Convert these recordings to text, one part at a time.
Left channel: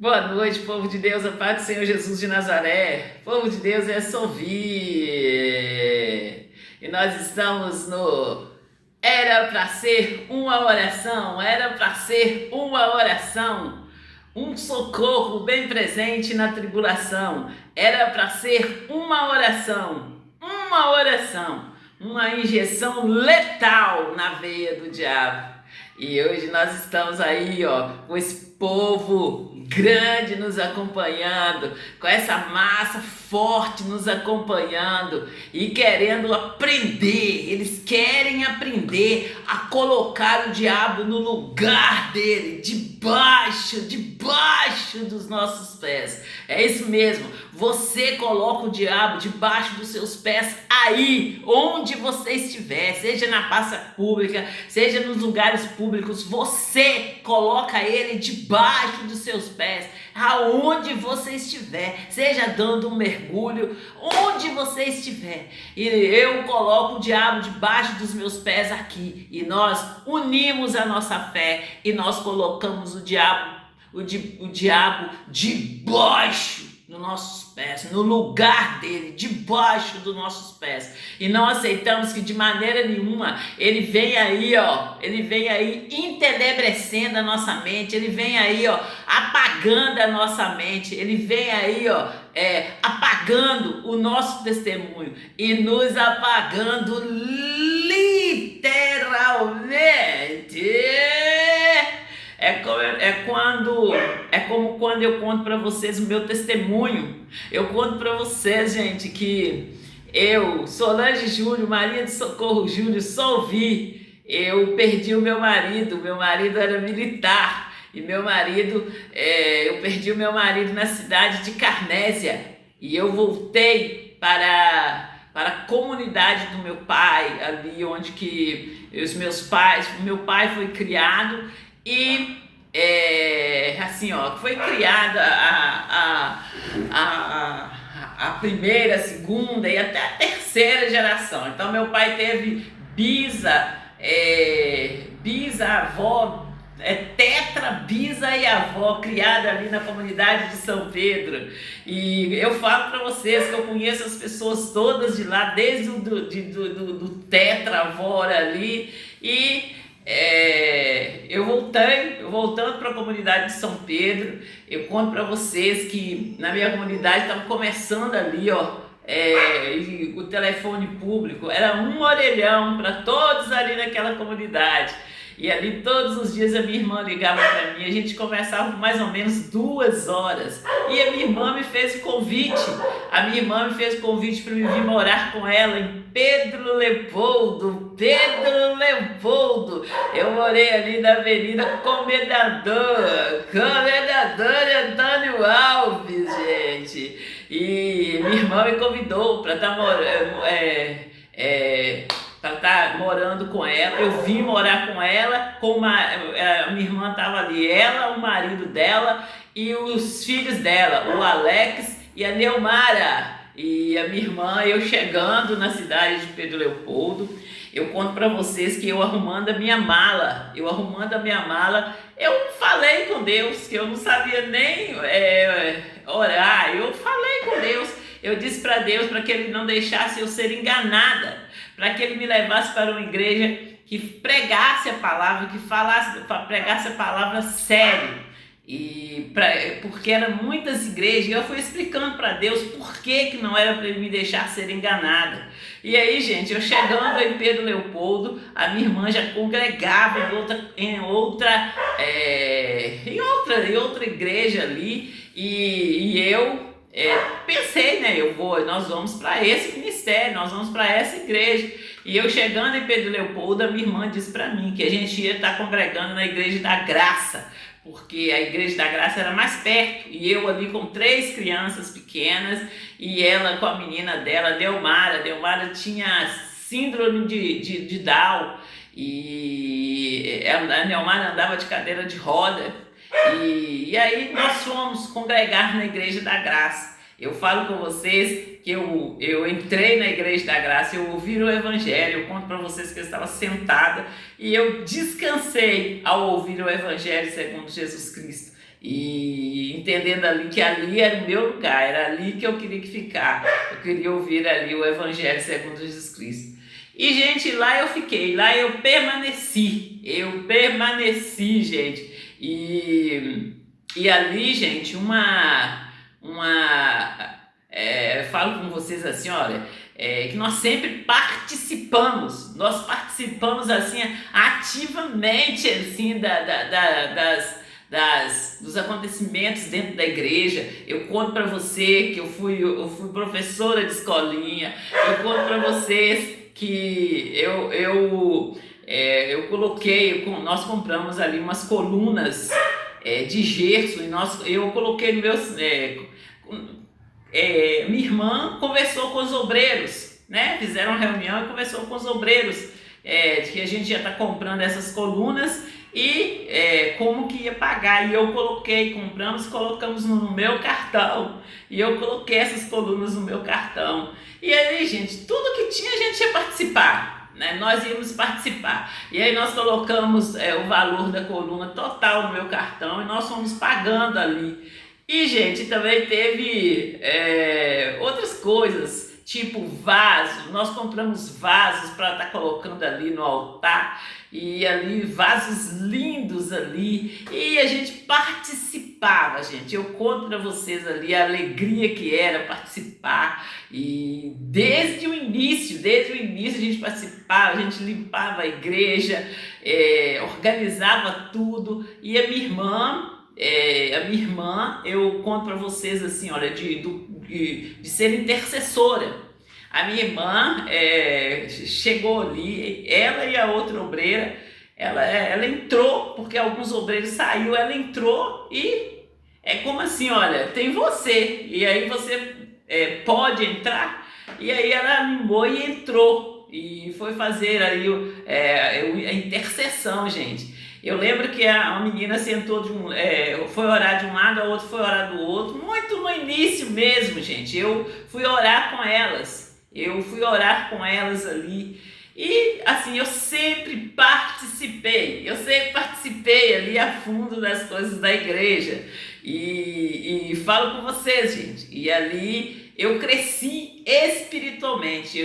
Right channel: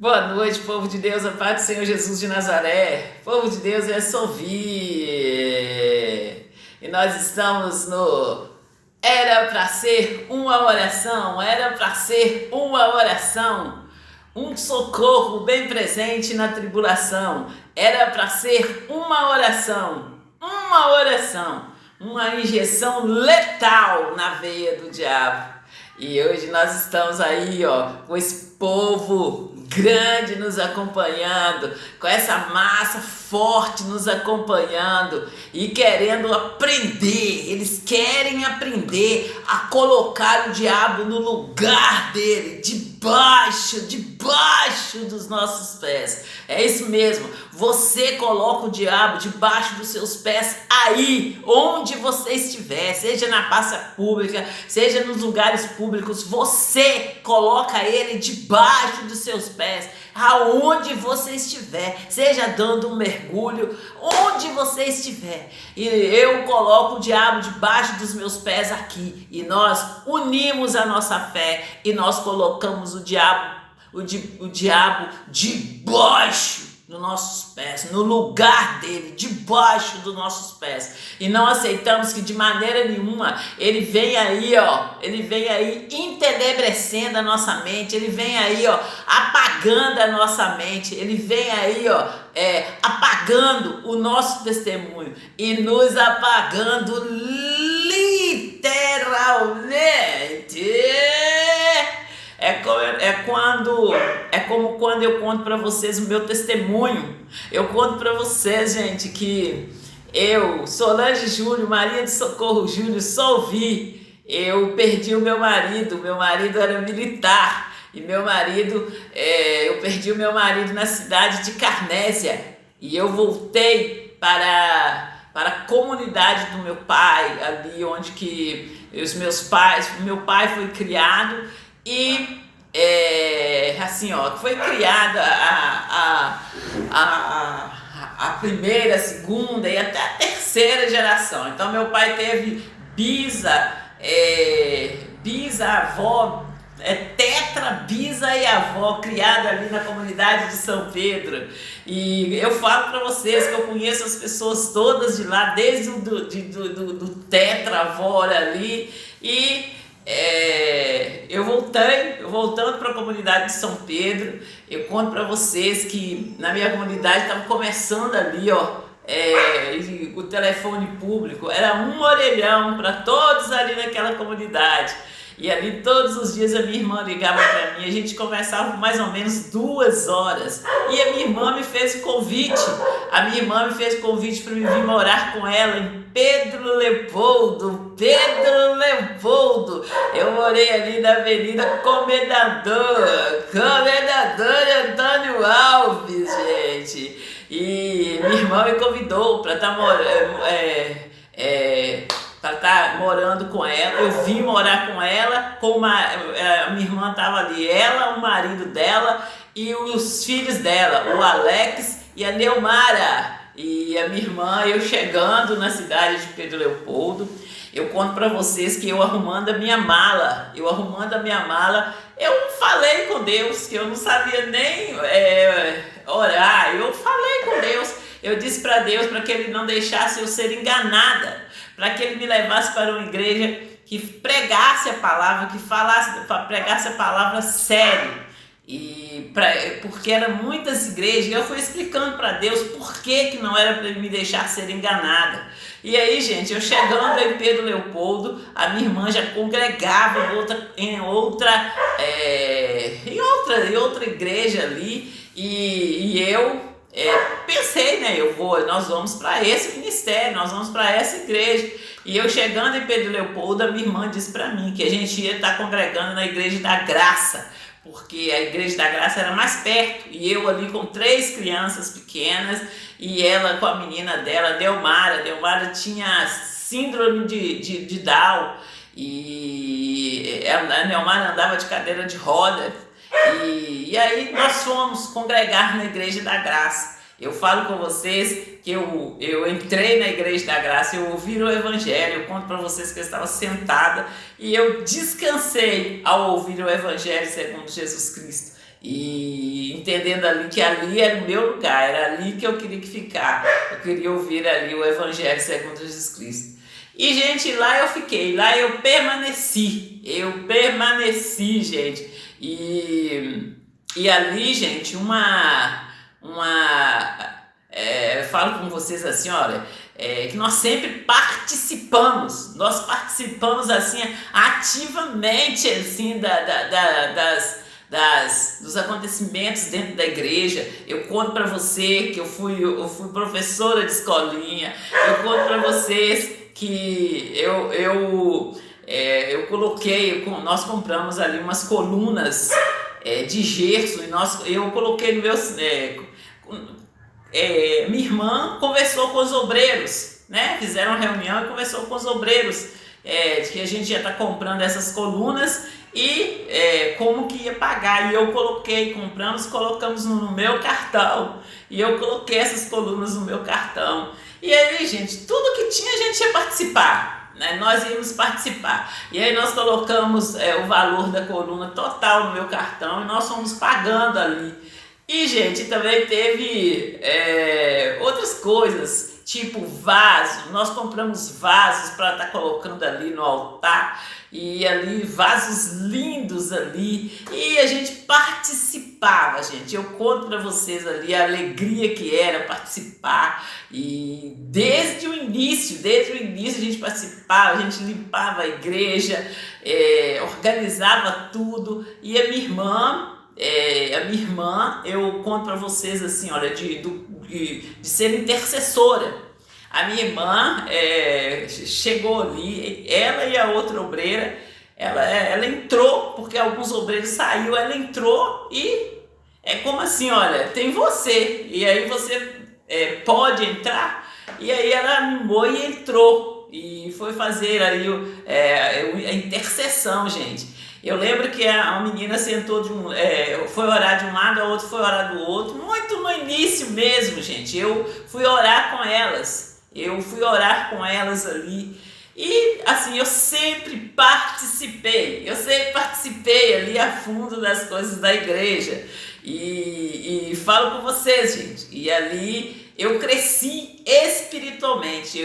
Boa noite, povo de Deus, a paz do Senhor Jesus de Nazaré. Povo de Deus, é Sovi. E nós estamos no Era para ser uma oração, era para ser uma oração. Um socorro bem presente na tribulação. Era para ser uma oração, uma injeção letal na veia do diabo. E hoje nós estamos aí, com esse povo grande nos acompanhando, com essa massa forte nos acompanhando e querendo aprender. Eles querem aprender a colocar o diabo no lugar dele, debaixo dos nossos pés. É isso mesmo. Você coloca o diabo debaixo dos seus pés aí, onde você estiver, seja na praça pública, seja nos lugares públicos, você coloca ele debaixo dos seus pés, aonde você estiver, seja dando um mergulho, onde você estiver. E eu coloco o diabo debaixo dos meus pés aqui, e nós unimos a nossa fé e nós colocamos o diabo debaixo dos nossos pés, no lugar dele, debaixo dos nossos pés. E não aceitamos que de maneira nenhuma ele vem aí, entenebrecendo a nossa mente, ele vem aí, apagando a nossa mente, ele vem aí, apagando o nosso testemunho e nos apagando literalmente. É como quando eu conto para vocês o meu testemunho. Eu conto para vocês, gente, que eu, Solange Júlio, Maria de Socorro Júlio, Solvi, eu perdi o meu marido era militar, e eu perdi o meu marido na cidade de Carnésia, e eu voltei para a comunidade do meu pai, ali onde que meu pai foi criado. E foi criada a primeira, a segunda e até a terceira geração. Então meu pai teve avó, tetra, bisa e avó criada ali na comunidade de São Pedro. E eu falo para vocês que eu conheço as pessoas todas de lá, desde do tetra avó ali. E eu voltando para a comunidade de São Pedro, eu conto para vocês que na minha comunidade estava começando ali, o telefone público, era um orelhão para todos ali naquela comunidade. E ali todos os dias a minha irmã ligava para mim, a gente conversava por mais ou menos 2 horas. E a minha irmã me fez o convite, para me vir morar com ela em Pedro Leopoldo. Eu morei ali na Avenida Comendador Antônio Alves, gente. E minha irmã me convidou para estar morando com ela. Eu vim morar com ela, a minha irmã estava ali, ela, o marido dela e os filhos dela, o Alex e a Neumara. E a minha irmã, eu chegando na cidade de Pedro Leopoldo, eu conto para vocês que eu arrumando a minha mala, eu falei com Deus, que eu não sabia nem orar. Eu falei com Deus, eu disse para Deus para que Ele não deixasse eu ser enganada, para que Ele me levasse para uma igreja que pregasse a palavra, pregasse a palavra sério. Porque eram muitas igrejas, e eu fui explicando para Deus por que não era para Ele me deixar ser enganada. E aí, gente, eu chegando em Pedro Leopoldo, a minha irmã já congregava em outra igreja ali, e eu pensei, nós vamos para esse ministério, nós vamos para essa igreja. E eu chegando em Pedro Leopoldo, a minha irmã disse para mim que a gente ia estar congregando na Igreja da Graça, porque a Igreja da Graça era mais perto, e eu ali com 3 crianças pequenas, e ela com a menina dela, Neumara tinha síndrome de Down, e a Neumara andava de cadeira de roda, e aí nós fomos congregar na Igreja da Graça. Eu falo com vocês que eu entrei na Igreja da Graça, eu ouvi o Evangelho, eu conto para vocês que eu estava sentada e eu descansei ao ouvir o Evangelho segundo Jesus Cristo. E entendendo ali que ali era o meu lugar, era ali que eu queria ficar. Eu queria ouvir ali o Evangelho segundo Jesus Cristo. E, gente, lá eu fiquei, lá eu permaneci, gente. E ali, gente, falo com vocês assim, olha, que nós sempre nós participamos assim ativamente assim dos acontecimentos dentro da igreja. Eu conto para você que eu fui professora de escolinha, eu conto para vocês que nós compramos ali umas colunas de gesso e eu coloquei no meu... minha irmã conversou com os obreiros, né? Fizeram uma reunião e conversou com os obreiros de que a gente ia estar comprando essas colunas e como que ia pagar. E compramos e colocamos no meu cartão. E eu coloquei essas colunas no meu cartão. E aí, gente, tudo que tinha a gente ia participar, né? Nós íamos participar. E aí nós colocamos o valor da coluna total no meu cartão e nós fomos pagando ali. E, gente, também teve outras coisas, tipo vaso. Nós compramos vasos para estar colocando ali no altar. E ali, vasos lindos ali. E a gente participava, gente. Eu conto para vocês ali a alegria que era participar. E desde o início a gente participava, a gente limpava a igreja, organizava tudo. E a minha irmã, eu conto para vocês assim, olha, de ser intercessora. A minha irmã chegou ali, ela e a outra obreira, ela entrou, porque alguns obreiros saíram, ela entrou e é como assim, olha, tem você, e aí você pode entrar, e aí ela animou e entrou, e foi fazer aí a intercessão, gente. Eu lembro que a menina sentou foi orar de um lado, a outra foi orar do outro, muito no início mesmo, gente. Eu fui orar com elas ali. E assim, eu sempre participei ali a fundo das coisas da igreja. E falo com vocês, gente. E ali eu cresci espiritualmente,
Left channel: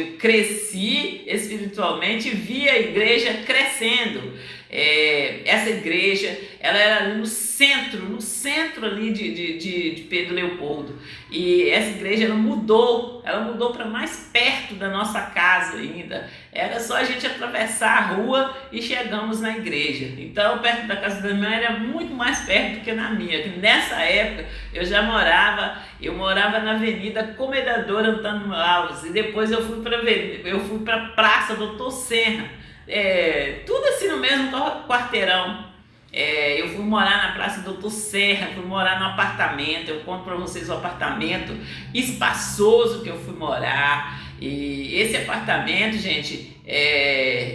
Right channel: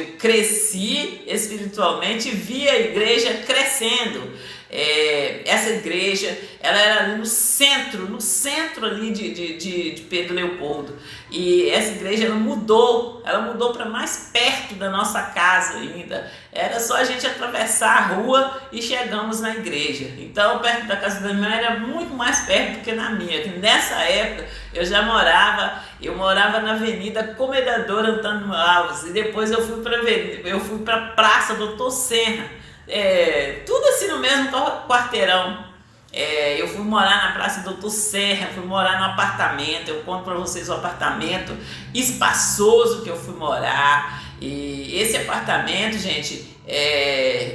e vi a igreja crescendo. Essa igreja, ela era ali no centro ali de Pedro Leopoldo, e essa igreja ela mudou para mais perto da nossa casa ainda, era só a gente atravessar a rua e chegamos na igreja. Então perto da casa da minha mãe era muito mais perto do que na minha, que nessa época eu morava na Avenida Comendador Antônio Alves, e depois eu fui para a Praça Doutor Serra. Tudo assim no mesmo quarteirão. Eu fui morar na Praça Doutor Serra, fui morar no apartamento. Eu conto para vocês o apartamento espaçoso que eu fui morar. E esse apartamento, gente,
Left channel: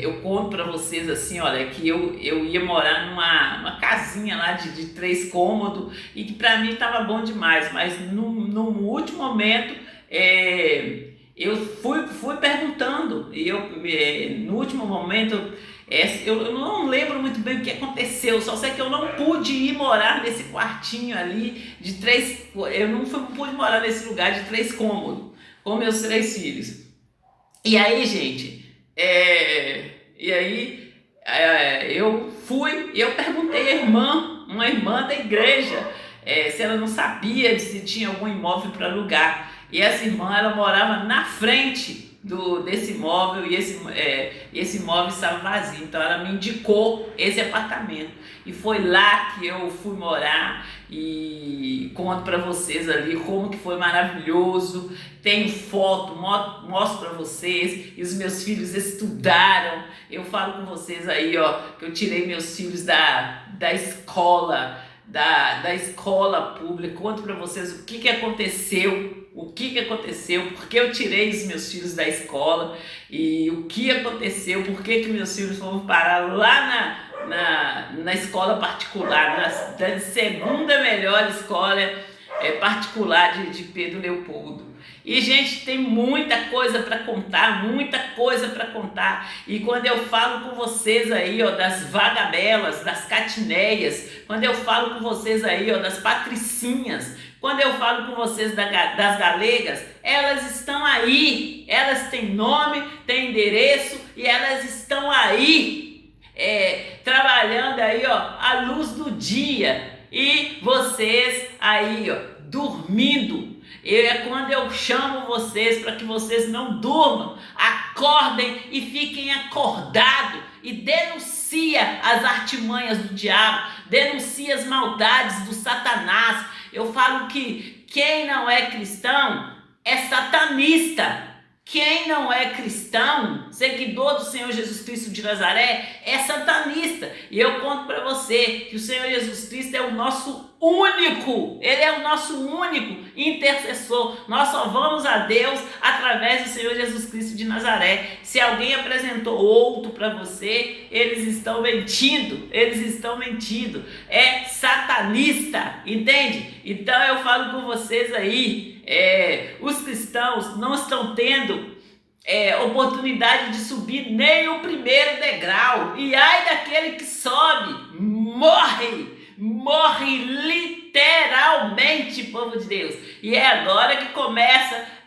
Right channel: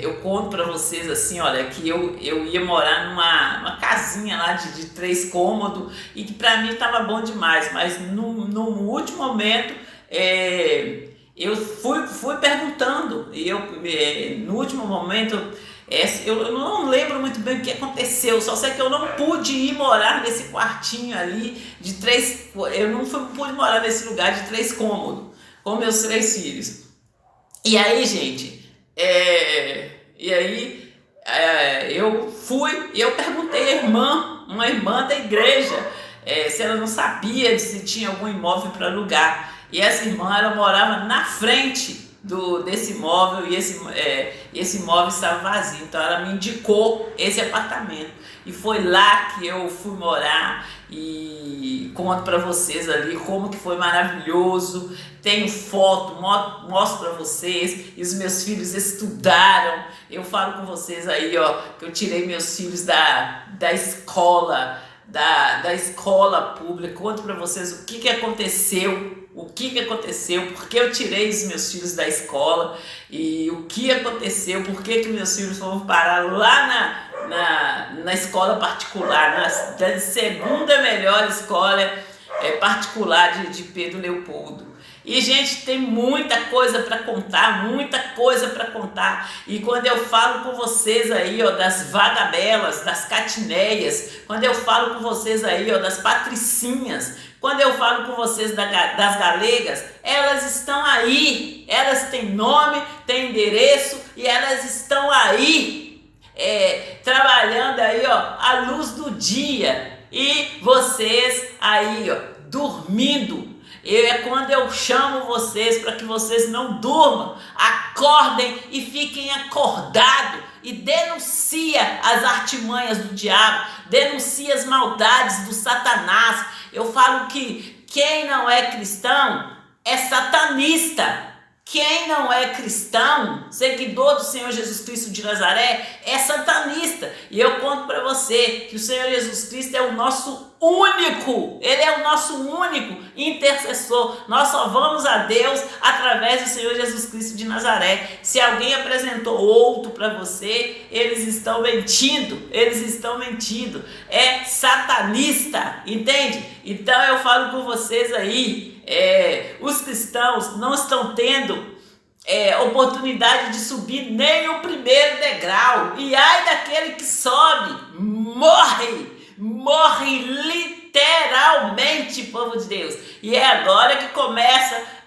eu conto para vocês assim, olha, que eu ia morar numa casinha lá de 3 cômodos e que para mim estava bom demais, mas no último momento eu fui perguntando, e no último momento, eu não lembro muito bem o que aconteceu, só sei que eu não pude ir morar nesse quartinho ali eu não pude morar nesse lugar de 3 cômodos, com meus 3 filhos. E aí, gente, eu fui e eu perguntei uma irmã da igreja, se ela não sabia se tinha algum imóvel para alugar. E essa irmã, ela morava na frente desse imóvel e esse imóvel estava vazio. Então ela me indicou esse apartamento. E foi lá que eu fui morar e conto para vocês ali como que foi maravilhoso. Tenho foto, mostro para vocês. E os meus filhos estudaram. Eu falo com vocês aí, ó, que eu tirei meus filhos da escola, da escola pública. Conto para vocês o que aconteceu, porque eu tirei os meus filhos da escola e o que aconteceu, porque meus filhos foram parar lá na escola particular, na segunda melhor escola particular de Pedro Leopoldo. E, gente, tem muita coisa para contar, muita coisa para contar. E quando eu falo com vocês aí, ó, das vagabelas, das catineias, quando eu falo com vocês aí, ó, das patricinhas, quando eu falo com vocês das galegas, elas estão aí, elas têm nome, têm endereço e elas estão aí, trabalhando aí, ó, à luz do dia. E vocês aí, ó, dormindo. É quando eu chamo vocês para que vocês não durmam, acordem e fiquem acordados e denuncia as artimanhas do diabo, denuncia as maldades do Satanás. Eu falo que quem não é cristão é satanista. Quem não é cristão, seguidor do Senhor Jesus Cristo de Nazaré, é satanista. E eu conto para você que o Senhor Jesus Cristo é o nosso único, Ele é o nosso único intercessor. Nós só vamos a Deus através do Senhor Jesus Cristo de Nazaré. Se alguém apresentou outro para você, eles estão mentindo, é satanista, entende? Então eu falo com vocês aí, os cristãos não estão tendo oportunidade de subir nem o primeiro degrau, e ai daquele que sobe, morre literalmente, povo de Deus. E é agora que começa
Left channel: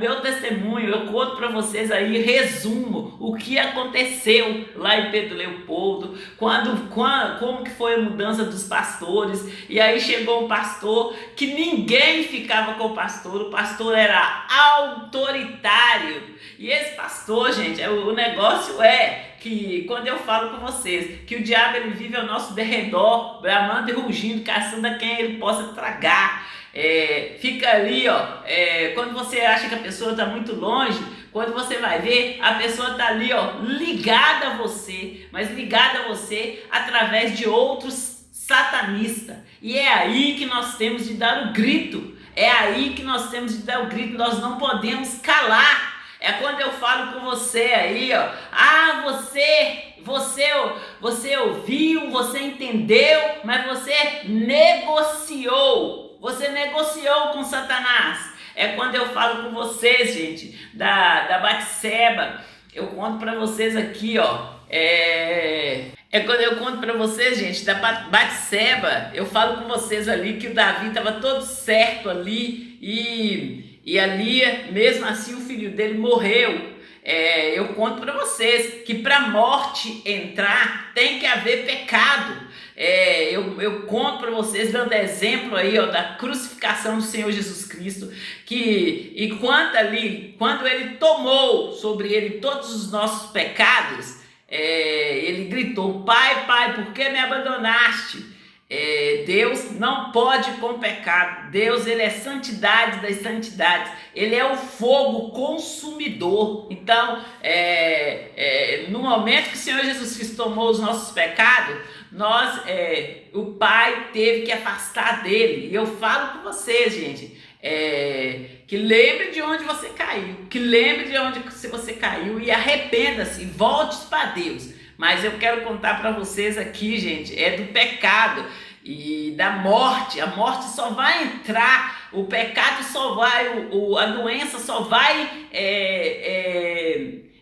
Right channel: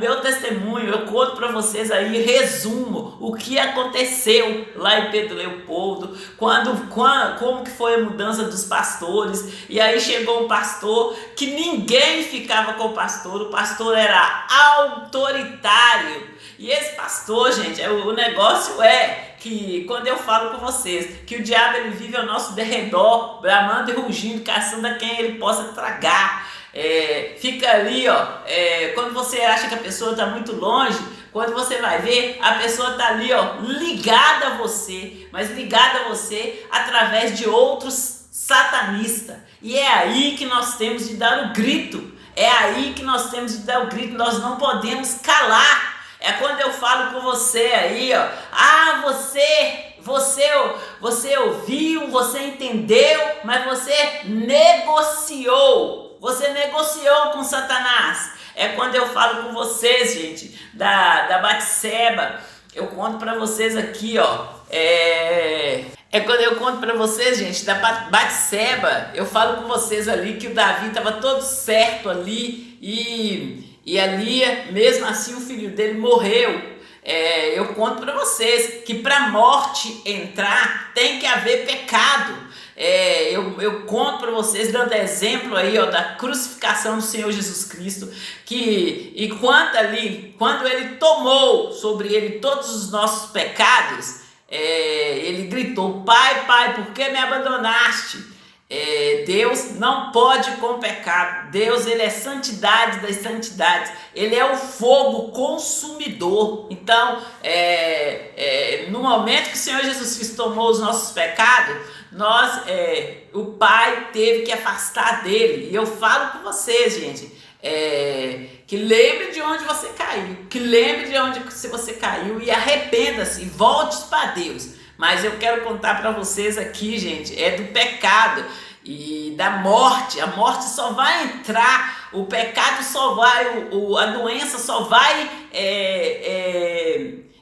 meu testemunho. Eu conto para vocês aí, resumo o que aconteceu lá em Pedro Leopoldo, como que foi a mudança dos pastores. E aí chegou um pastor que ninguém ficava com o pastor era autoritário. E esse pastor, gente, o negócio é que quando eu falo com vocês que o diabo ele vive ao nosso derredor, bramando e rugindo, caçando a quem ele possa tragar. Fica ali, ó, quando você acha que a pessoa está muito longe, quando você vai ver, a pessoa está ali, ó, ligada a você, mas ligada a você através de outros satanistas. E é aí que nós temos de dar o grito, nós não podemos calar. É quando eu falo com você aí, ó, você ouviu, você entendeu, mas você negociou com Satanás. É quando eu falo com vocês, gente, da Batseba. Eu conto para vocês aqui, ó, quando eu conto para vocês, gente, da Batseba. Eu falo com vocês ali que o Davi estava todo certo ali e ali, mesmo assim, o filho dele morreu. Eu conto para vocês que para a morte entrar tem que haver pecado. Eu conto para vocês, dando exemplo aí, ó, da crucificação do Senhor Jesus Cristo, quando ele tomou sobre ele todos os nossos pecados, ele gritou: Pai, por que me abandonaste? Deus não pode com pecado. Deus, ele é santidade das santidades. Ele é o fogo consumidor. Então, no momento que o Senhor Jesus Cristo tomou os nossos pecados, o Pai teve que afastar dele. E eu falo com vocês, gente, que lembre de onde você caiu, você caiu e arrependa-se, volte para Deus. Mas eu quero contar para vocês aqui, gente, do pecado e da morte. A morte só vai entrar, o pecado só vai, a doença só vai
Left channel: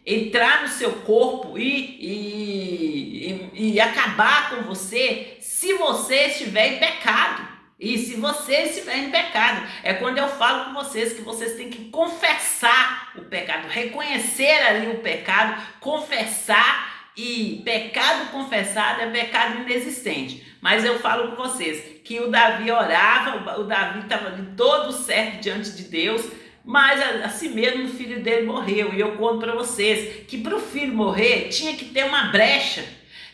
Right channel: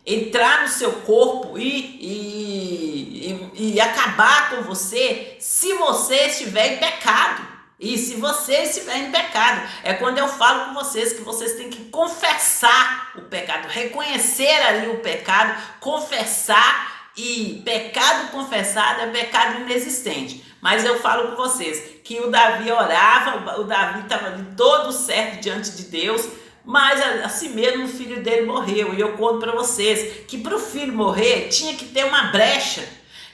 entrar no seu corpo e acabar com você se você estiver em pecado. E se você estiver em pecado, é quando eu falo com vocês que vocês têm que confessar o pecado, reconhecer ali o pecado, confessar. E pecado confessado é pecado inexistente. Mas eu falo com vocês que o Davi orava, o Davi estava todo certo diante de Deus, mas assim mesmo o filho dele morreu. E eu conto para vocês que para o filho morrer tinha que ter uma brecha.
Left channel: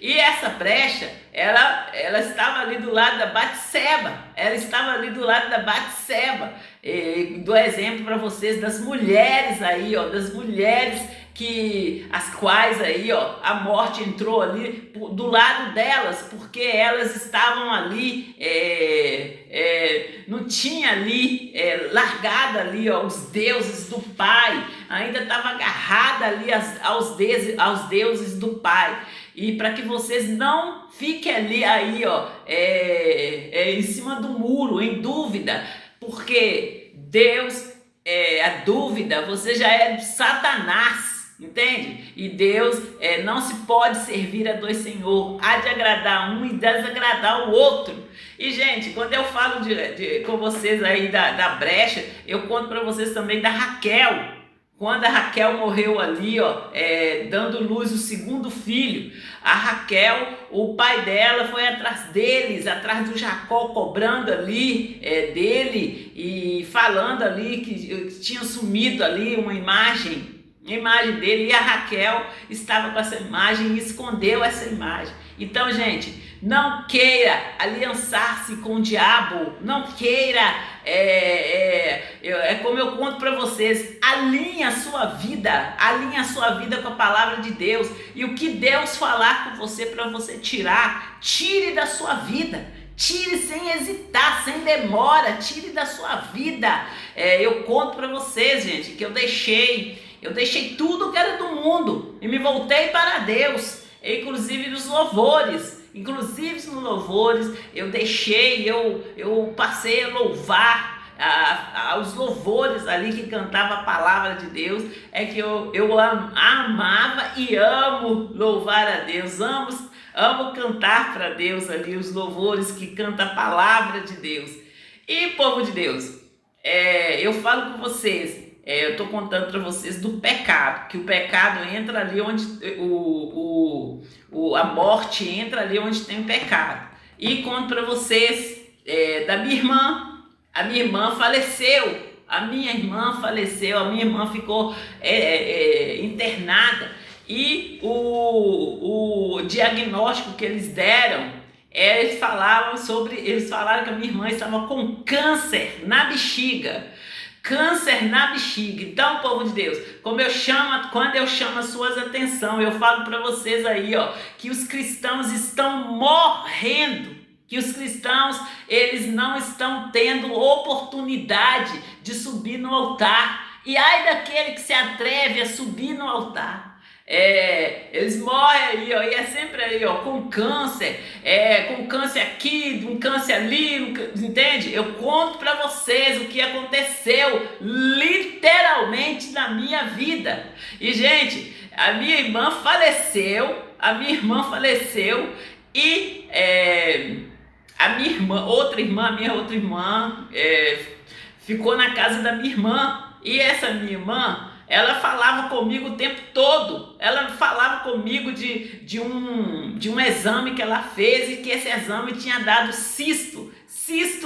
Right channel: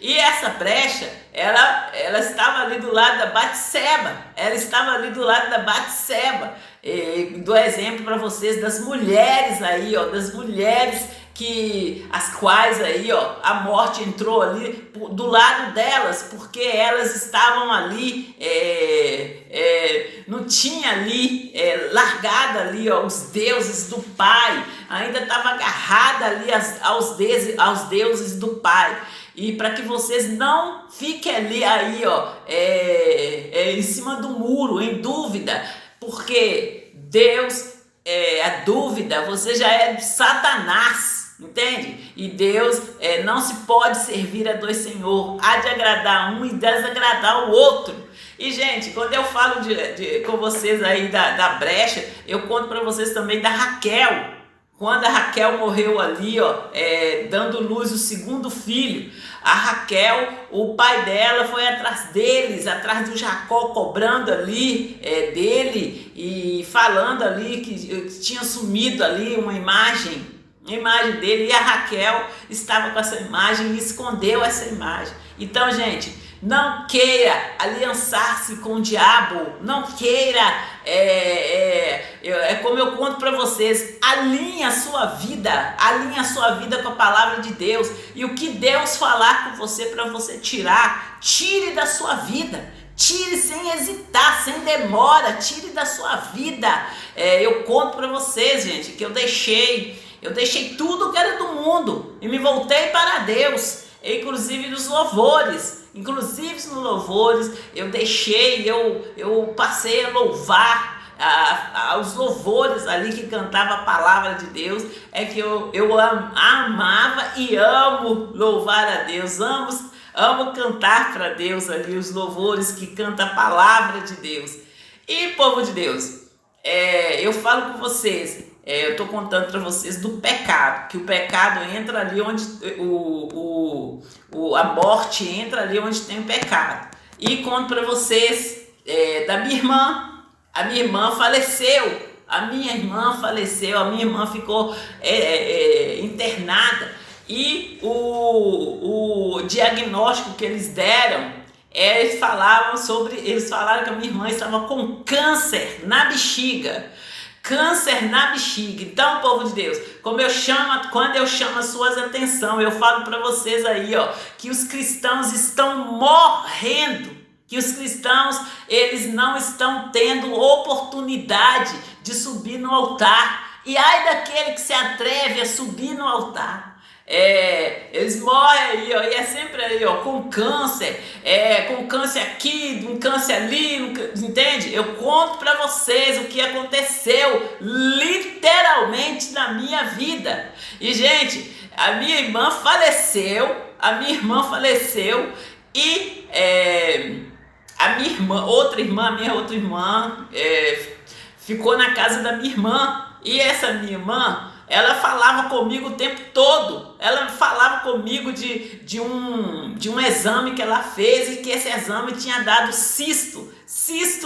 E essa brecha, ela estava ali do lado da Batseba. E dou exemplo para vocês das mulheres aí, ó, as quais aí, ó, a morte entrou ali do lado delas, porque elas estavam ali, não tinha ali, largado ali, ó, os deuses do Pai, ainda estava agarrada ali aos deuses do Pai. E para que vocês não fiquem ali aí, ó, em cima do muro, em dúvida, porque Deus, a dúvida, você já é de Satanás, entende? E Deus não se pode servir a dois senhores, há de agradar um e desagradar o outro. E, gente, quando eu falo com vocês aí da brecha, eu conto para vocês também da Raquel. Quando a Raquel morreu ali, dando luz o segundo filho, a Raquel, o pai dela foi atrás deles, atrás do Jacó, cobrando ali dele e falando ali que tinha sumido ali uma imagem dele, e a Raquel estava com essa imagem e escondeu essa imagem. Então, gente, não queira aliançar-se com o diabo, não queira, como eu conto para vocês, alinhe a sua vida com a palavra de Deus, e o que Deus falar com você para você tirar, tire da sua vida. Tire sem hesitar, sem demora, tire da sua vida. Eu conto para vocês, gente, que eu deixei tudo que era do mundo e me voltei para Deus, inclusive nos louvores. Inclusive nos louvores eu passei a louvar os louvores ali que cantava a palavra de Deus. É que eu amava e amo louvar a Deus, amo cantar para Deus ali os louvores que canta a palavra de Deus. E povo de Deus, eu falo com vocês, eu estou contando para vocês do pecado, que o pecado entra ali onde a morte entra ali onde tem o pecado. E conto para vocês da minha irmã. A minha irmã faleceu, a minha irmã ficou internada, e o diagnóstico que eles deram, eles falaram que a minha irmã estava com câncer na bexiga. Câncer na bexiga. Então, povo de Deus, quando eu chamo as suas atenção, eu falo para vocês aí, que os cristãos estão morrendo, que os cristãos, eles não estão tendo oportunidade de subir no altar. E ai daquele que se atreve a subir no altar. Eles morrem aí, e é sempre aí, com câncer, aqui, um câncer ali, entende? Eu conto para vocês o que aconteceu literalmente na minha vida. E, gente, a minha irmã faleceu, e a minha outra irmã ficou na casa da minha irmã. E essa minha irmã, ela falava comigo o tempo todo. Ela falava comigo de um exame que ela fez, e que esse exame tinha dado cisto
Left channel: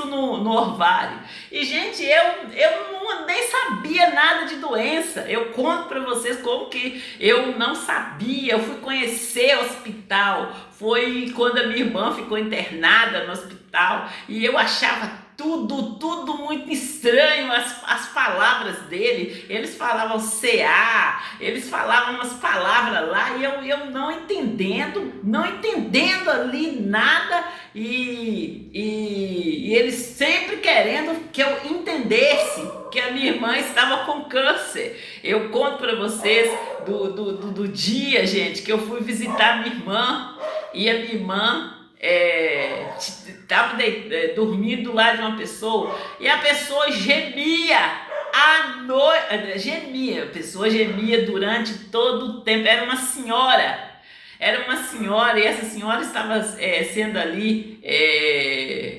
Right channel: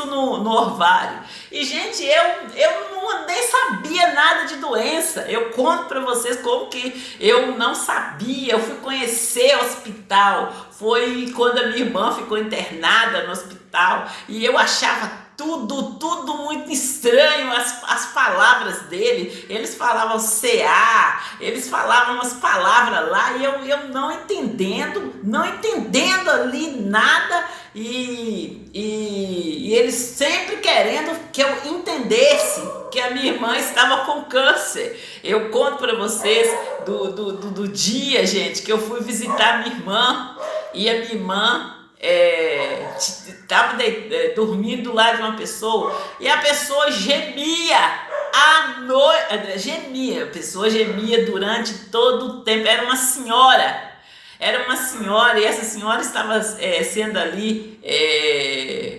no ovário. E, gente, eu nem sabia nada de doença. Eu conto para vocês como que eu não sabia. Eu fui conhecer o hospital. Foi quando a minha irmã ficou internada no hospital, e eu achava tudo muito estranho, as palavras dele. Eles falavam CA, eles falavam umas palavras lá, e eu não entendendo ali nada, e eles sempre querendo que eu entendesse que a minha irmã estava com câncer. Eu conto para vocês do dia, gente, que eu fui visitar a minha irmã, e a minha irmã estava dormindo lá de uma pessoa, e a pessoa gemia a pessoa gemia durante todo o tempo. Era uma senhora, e essa senhora estava sendo ali,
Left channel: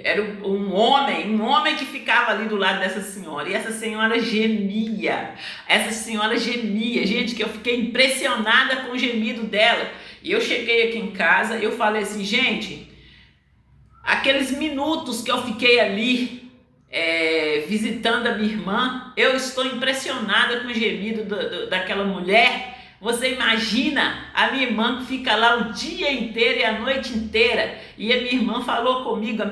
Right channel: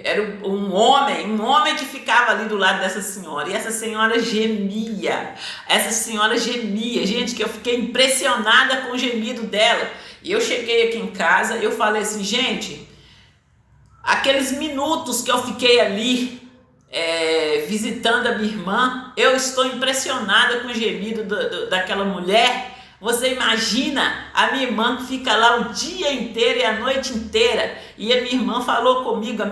era um homem que ficava ali do lado dessa senhora, e essa senhora gemia, gente, que eu fiquei impressionada com o gemido dela. E eu cheguei aqui em casa e eu falei assim, gente, aqueles minutos que eu fiquei ali visitando a minha irmã, eu estou impressionada com o gemido daquela mulher. Você imagina a minha irmã que fica lá o dia inteiro e a noite inteira. E a minha irmã falou comigo,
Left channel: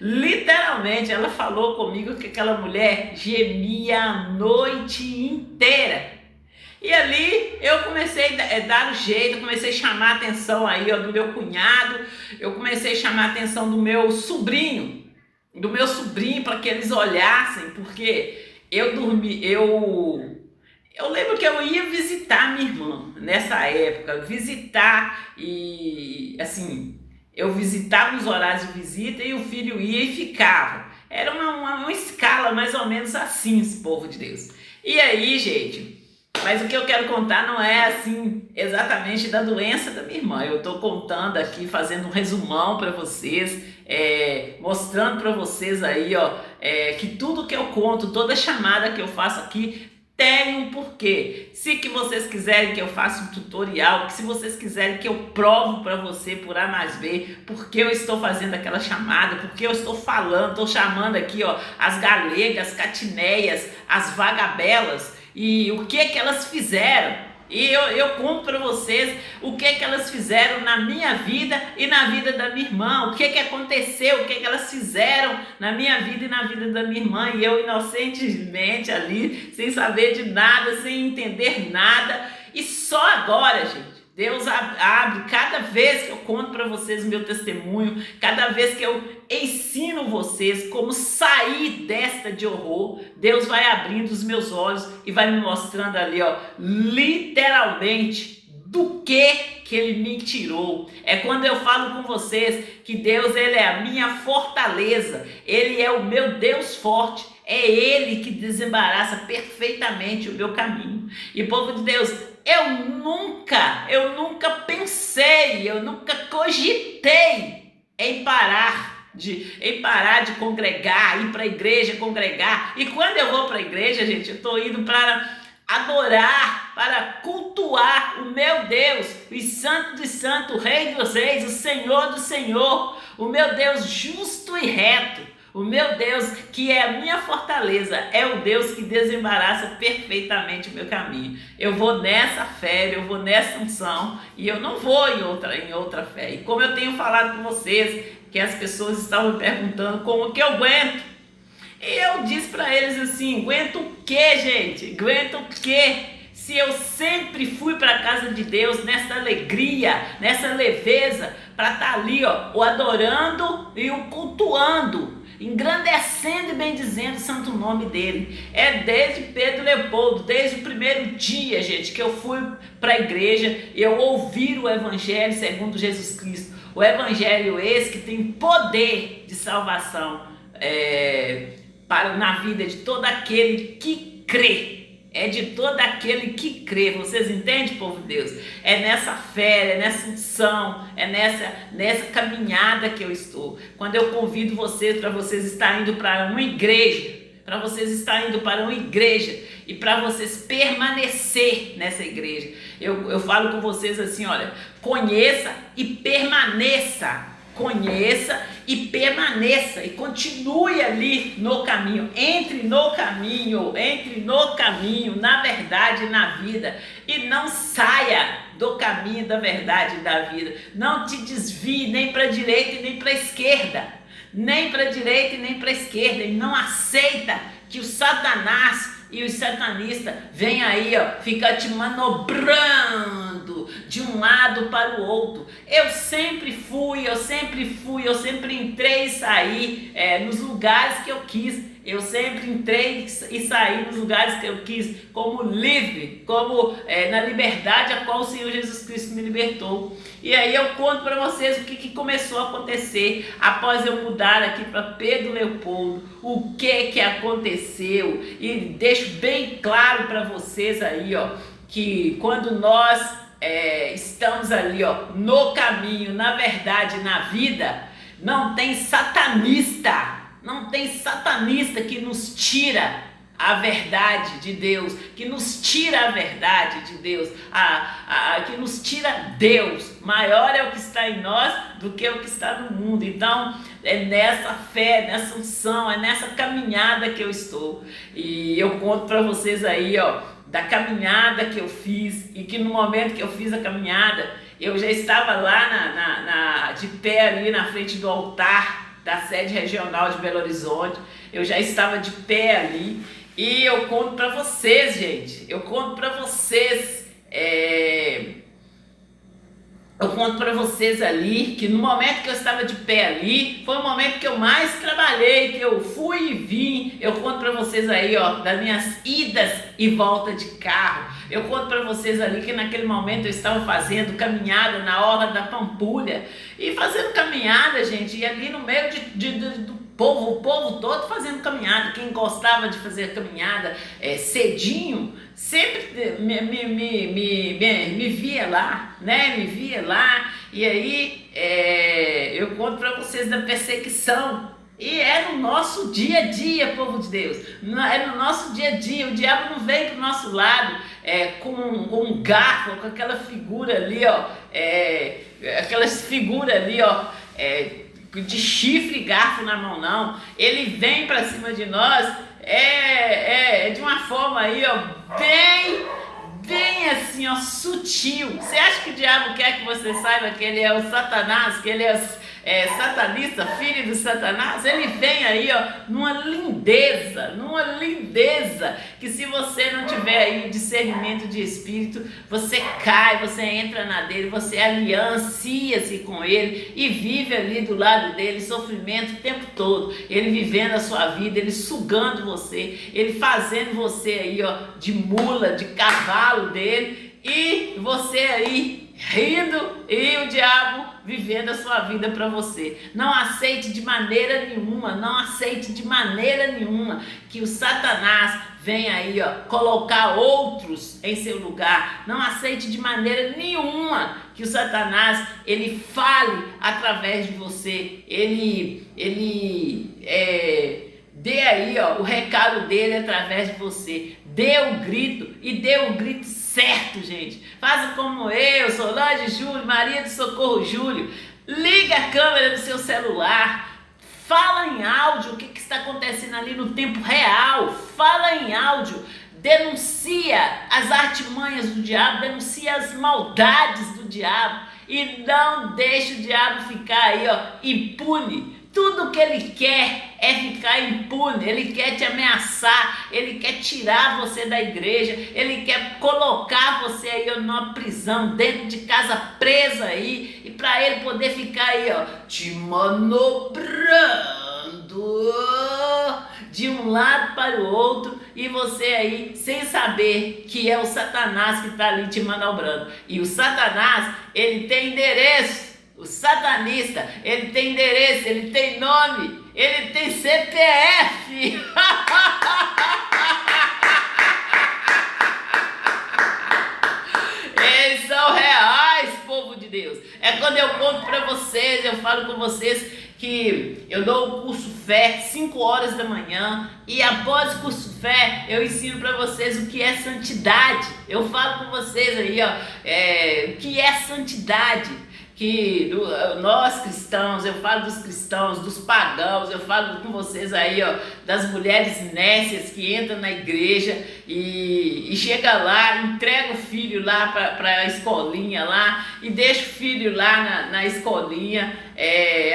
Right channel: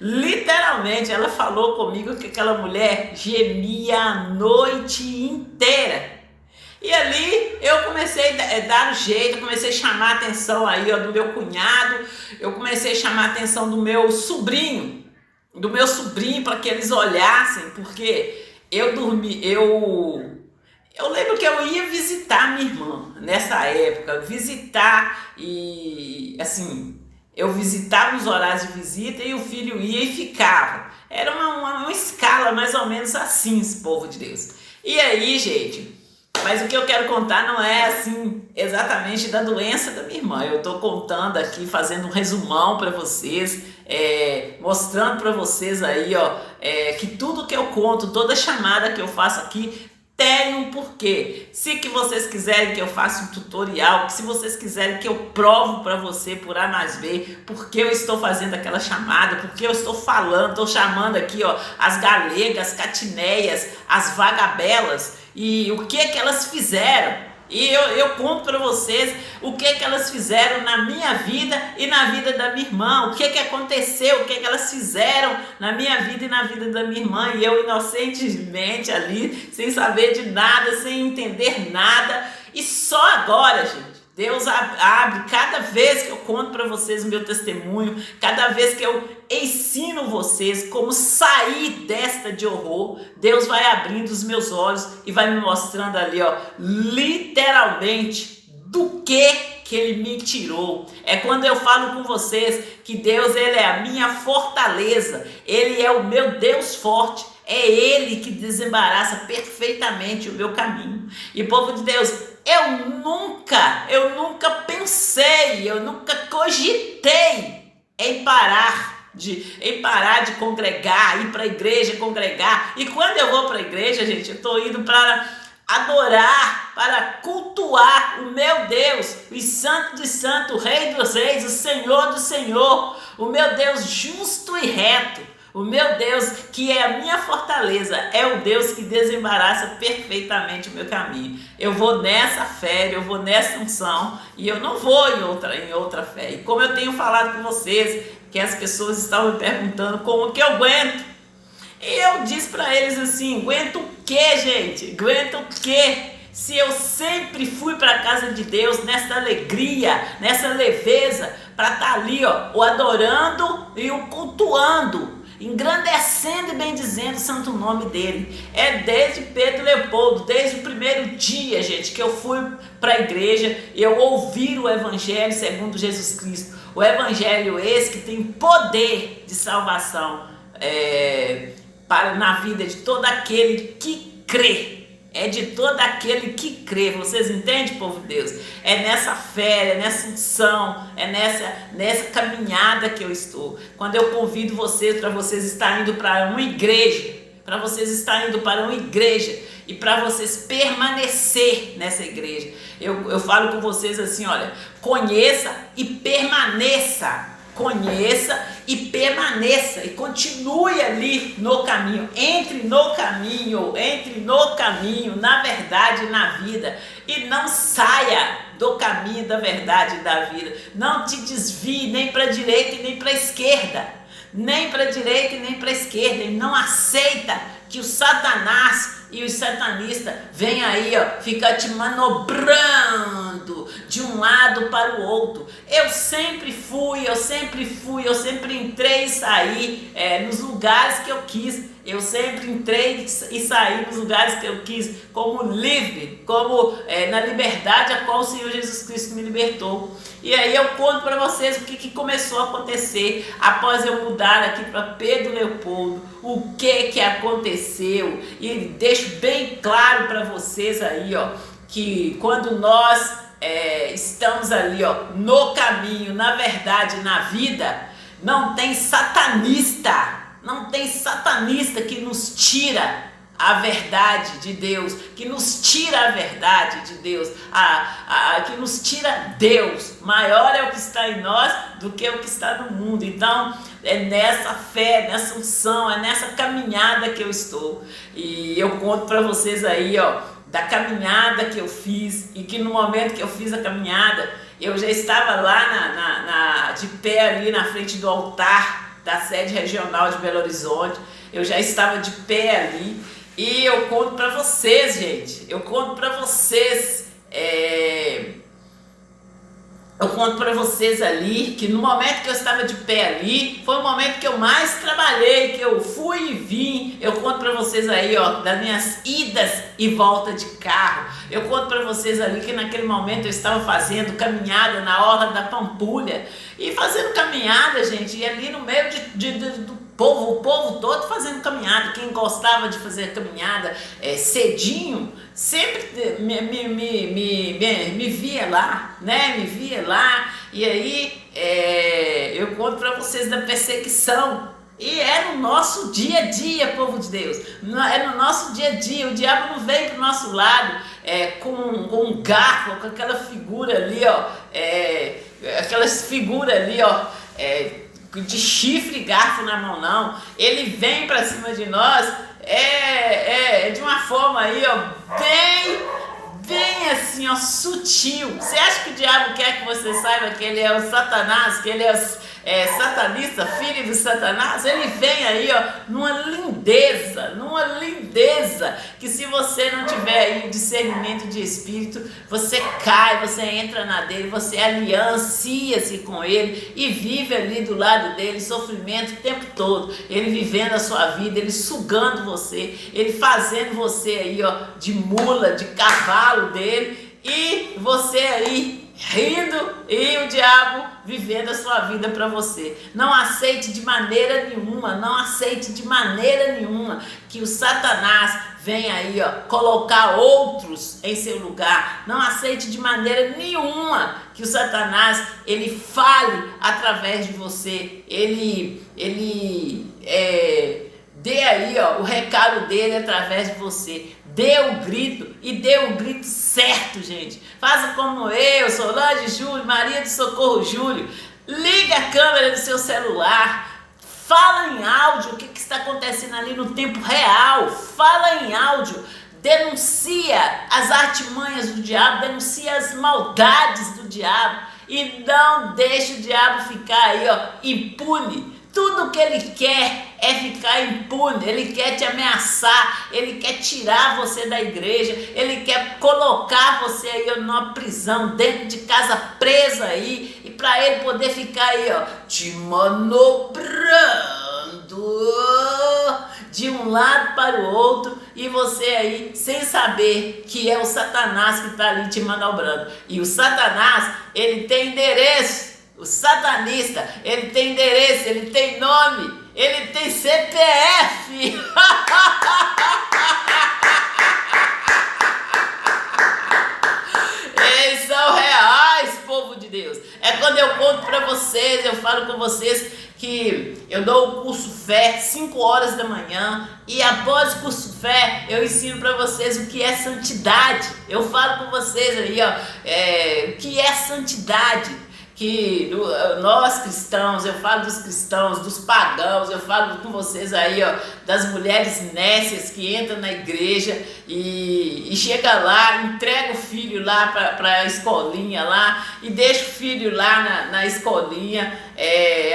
literalmente, ela falou comigo que aquela mulher gemia a noite inteira. E ali eu comecei a dar um jeito, eu comecei a chamar a atenção aí, do meu cunhado, eu comecei a chamar a atenção do meu sobrinho, para que eles olhassem, porque eu lembro que eu ia visitar minha irmã nessa época, e assim, Eu visitava nos horários de visita e o filho ia e ficava. Era uma escala mais ou menos assim, esse povo de Deus. E aí, gente, mas o que eu quero contar não é assim exatamente da doença da minha irmã. Eu estou contando aqui, fazendo um resumão para vocês, mostrando para vocês aí, ó, que tudo que eu conto, toda chamada que eu faço aqui tem um porquê. Se que vocês quiserem que eu faça um tutorial, se vocês quiserem que eu provo para você por A mais B, porque eu estou fazendo aquela chamada, porque eu estou falando, estou chamando aqui, ó, as galegas, catineias, as vagabelas, e o que elas fizeram. E eu conto para vocês o que elas fizeram na minha vida e na vida da minha irmã, o que aconteceu, o que elas fizeram na minha vida e na vida da minha irmã, e eu inocentemente ali, sem saber de nada, sem entender nada, e só agora, gente, Deus abre, cada vez que eu conto para vocês o meu testemunho, cada vez que eu ensino vocês como sair desta de horror, Deus vai abrindo os meus olhos e vai me mostrando ali, ó, literalmente do que Ele me tirou. É quando eu falo com vocês que Deus, Ele é a minha fortaleza, Ele é o meu Deus forte, é Ele que desembaraça perfeitamente o meu caminho. E povo de Deus, eu nunca pensei, eu nunca cogitei em parar de congregar, ir para a igreja congregar. E quando eu vou para a igreja, gente, eu estou indo para adorar, para cultuar o meu Deus, o Santo dos Santos, o Rei dos Reis, o Senhor do Senhor, o meu Deus justo e reto. O meu Deus, que é a minha fortaleza, é o Deus que desembaraça perfeitamente o meu caminho. Eu vou nessa fé, eu vou nessa unção e eu não vou em outra fé. E como eu tenho falado com vocês, que as pessoas estavam me perguntando como que eu aguento. E eu disse para eles assim, aguento o quê, gente? Aguento o quê? Se eu sempre fui para a casa de Deus nessa alegria, nessa leveza, para estar ali, ó, o adorando e o cultuando, engrandecendo e bendizendo o santo nome dele. É desde Pedro Leopoldo, desde o primeiro dia, gente, que eu fui para a igreja e eu ouvi o evangelho segundo Jesus Cristo. O evangelho esse que tem poder de salvação na vida de todo aquele que crê. É de todo aquele que crê. Vocês entendem, povo de Deus? É nessa fé, é nessa unção, é nessa caminhada que eu estou. Quando eu convido vocês para vocês estarem indo para uma igreja, para vocês estarem indo para uma igreja e para vocês permanecer nessa igreja. Eu falo com vocês assim, olha, conheça e permaneça. Conheça e permaneça e continue ali no caminho, entre no caminho, na verdade e na vida, e não saia do caminho da verdade e da vida. Não te desvie nem para a direita e nem para a esquerda, nem para a direita e nem para a esquerda, e não aceita que o Satanás e os satanistas vêm aí, ó, ficar te manobrando de um lado para o outro. Eu sempre entrei e saí nos lugares que eu quis. Eu sempre entrei e saí nos lugares que eu quis, como livre, como na liberdade a qual o Senhor Jesus Cristo me libertou. E aí eu conto para vocês o que começou a acontecer após eu mudar aqui para Pedro Leopoldo, o que aconteceu, e deixo bem claro para vocês aí, ó, que quando nós estamos ali, ó, no caminho, na verdade, na vida, não tem satanista que nos tira a verdade de Deus, que nos tira a verdade de Deus, que nos tira Deus. Maior é o que está em nós do que o que está no mundo. Então, é nessa fé, nessa unção, é nessa caminhada que eu estou. E eu conto para vocês aí, ó, da caminhada que eu fiz, e que no momento que eu fiz a caminhada, eu já estava lá de pé ali na frente do altar da sede regional de Belo Horizonte. Eu já estava de pé ali. E eu conto para vocês, gente, Eu conto para vocês ali que no momento que eu estava de pé ali, foi o momento que eu mais trabalhei, que eu fui e vim. Eu conto para vocês aí, ó, das minhas idas e volta de carro. Eu conto para vocês ali que naquele momento eu estava fazendo caminhada na orla da Pampulha. E fazendo caminhada, gente, e ali no meio do povo, o povo todo fazendo caminhada. Quem gostava de fazer caminhada cedinho, sempre me via lá, né? Me via lá. E aí eu conto para vocês da perseguição. E é no nosso dia a dia, povo de Deus. É no nosso dia a dia. O diabo não vem pro nosso lado com um garfo, com aquela figura ali, ó. Aquelas figuras ali, ó. De chifre e garfo na mão, não. Ele vem para cima de nós de uma forma aí, ó, bem assim, ó, sutil. Você acha que o diabo quer que você saiba que ele é o Satanás, que ele é satanista, filho do Satanás? Ele vem aí, ó, numa lindeza, que se você não tiver aí discernimento de espírito, você cai, você entra na dele, você aliancia-se com ele e vive ali do lado dele, sofrimento o tempo todo, ele vivendo a sua vida, ele sugando você, ele fazendo você aí, ó, de mula, de cavalo dele, e você aí rindo e o diabo vivendo a sua vida para você. Não aceite de maneira nenhuma que o Satanás venha aí, ó, colocar outros em seu lugar. Não aceite de maneira nenhuma que o Satanás ele fale através de você. Ele dê aí, ó, o recado dele através de você. Dê o grito e dê o grito certo, gente. Faça como eu, Solange Júlio, Maria do Socorro Júlio. Liga a câmera do seu celular. Fala em áudio o que está acontecendo ali no tempo real. Fala em áudio. Denuncia as artimanhas do diabo. Denuncia as maldades do diabo. E não deixe o diabo ficar aí, ó, impune. Tudo que ele quer é ficar impune, ele quer te ameaçar, ele quer tirar você da igreja, ele quer colocar você aí numa prisão, dentro de casa presa aí, e para ele poder ficar aí, ó, te manobrando de um lado para o outro, e você aí sem saber que é o Satanás que está ali te manobrando. E o Satanás, ele tem endereço. O satanista, ele tem endereço, ele tem nome, ele tem CPF. Eles são reais, povo de Deus. É quando eu conto para vocês, eu falo com vocês que eu dou o curso Fé 5 horas da manhã, e após o curso Fé eu ensino para vocês o que é santidade. Eu falo com vocês aí, ó, o que é santidade. Que nós cristãos, eu falo dos cristãos, dos pagãos, eu falo com vocês aí, ó, das mulheres nécias que entram na igreja e chega lá, entrega o filho lá para a escolinha lá e deixa o filho lá na escolinha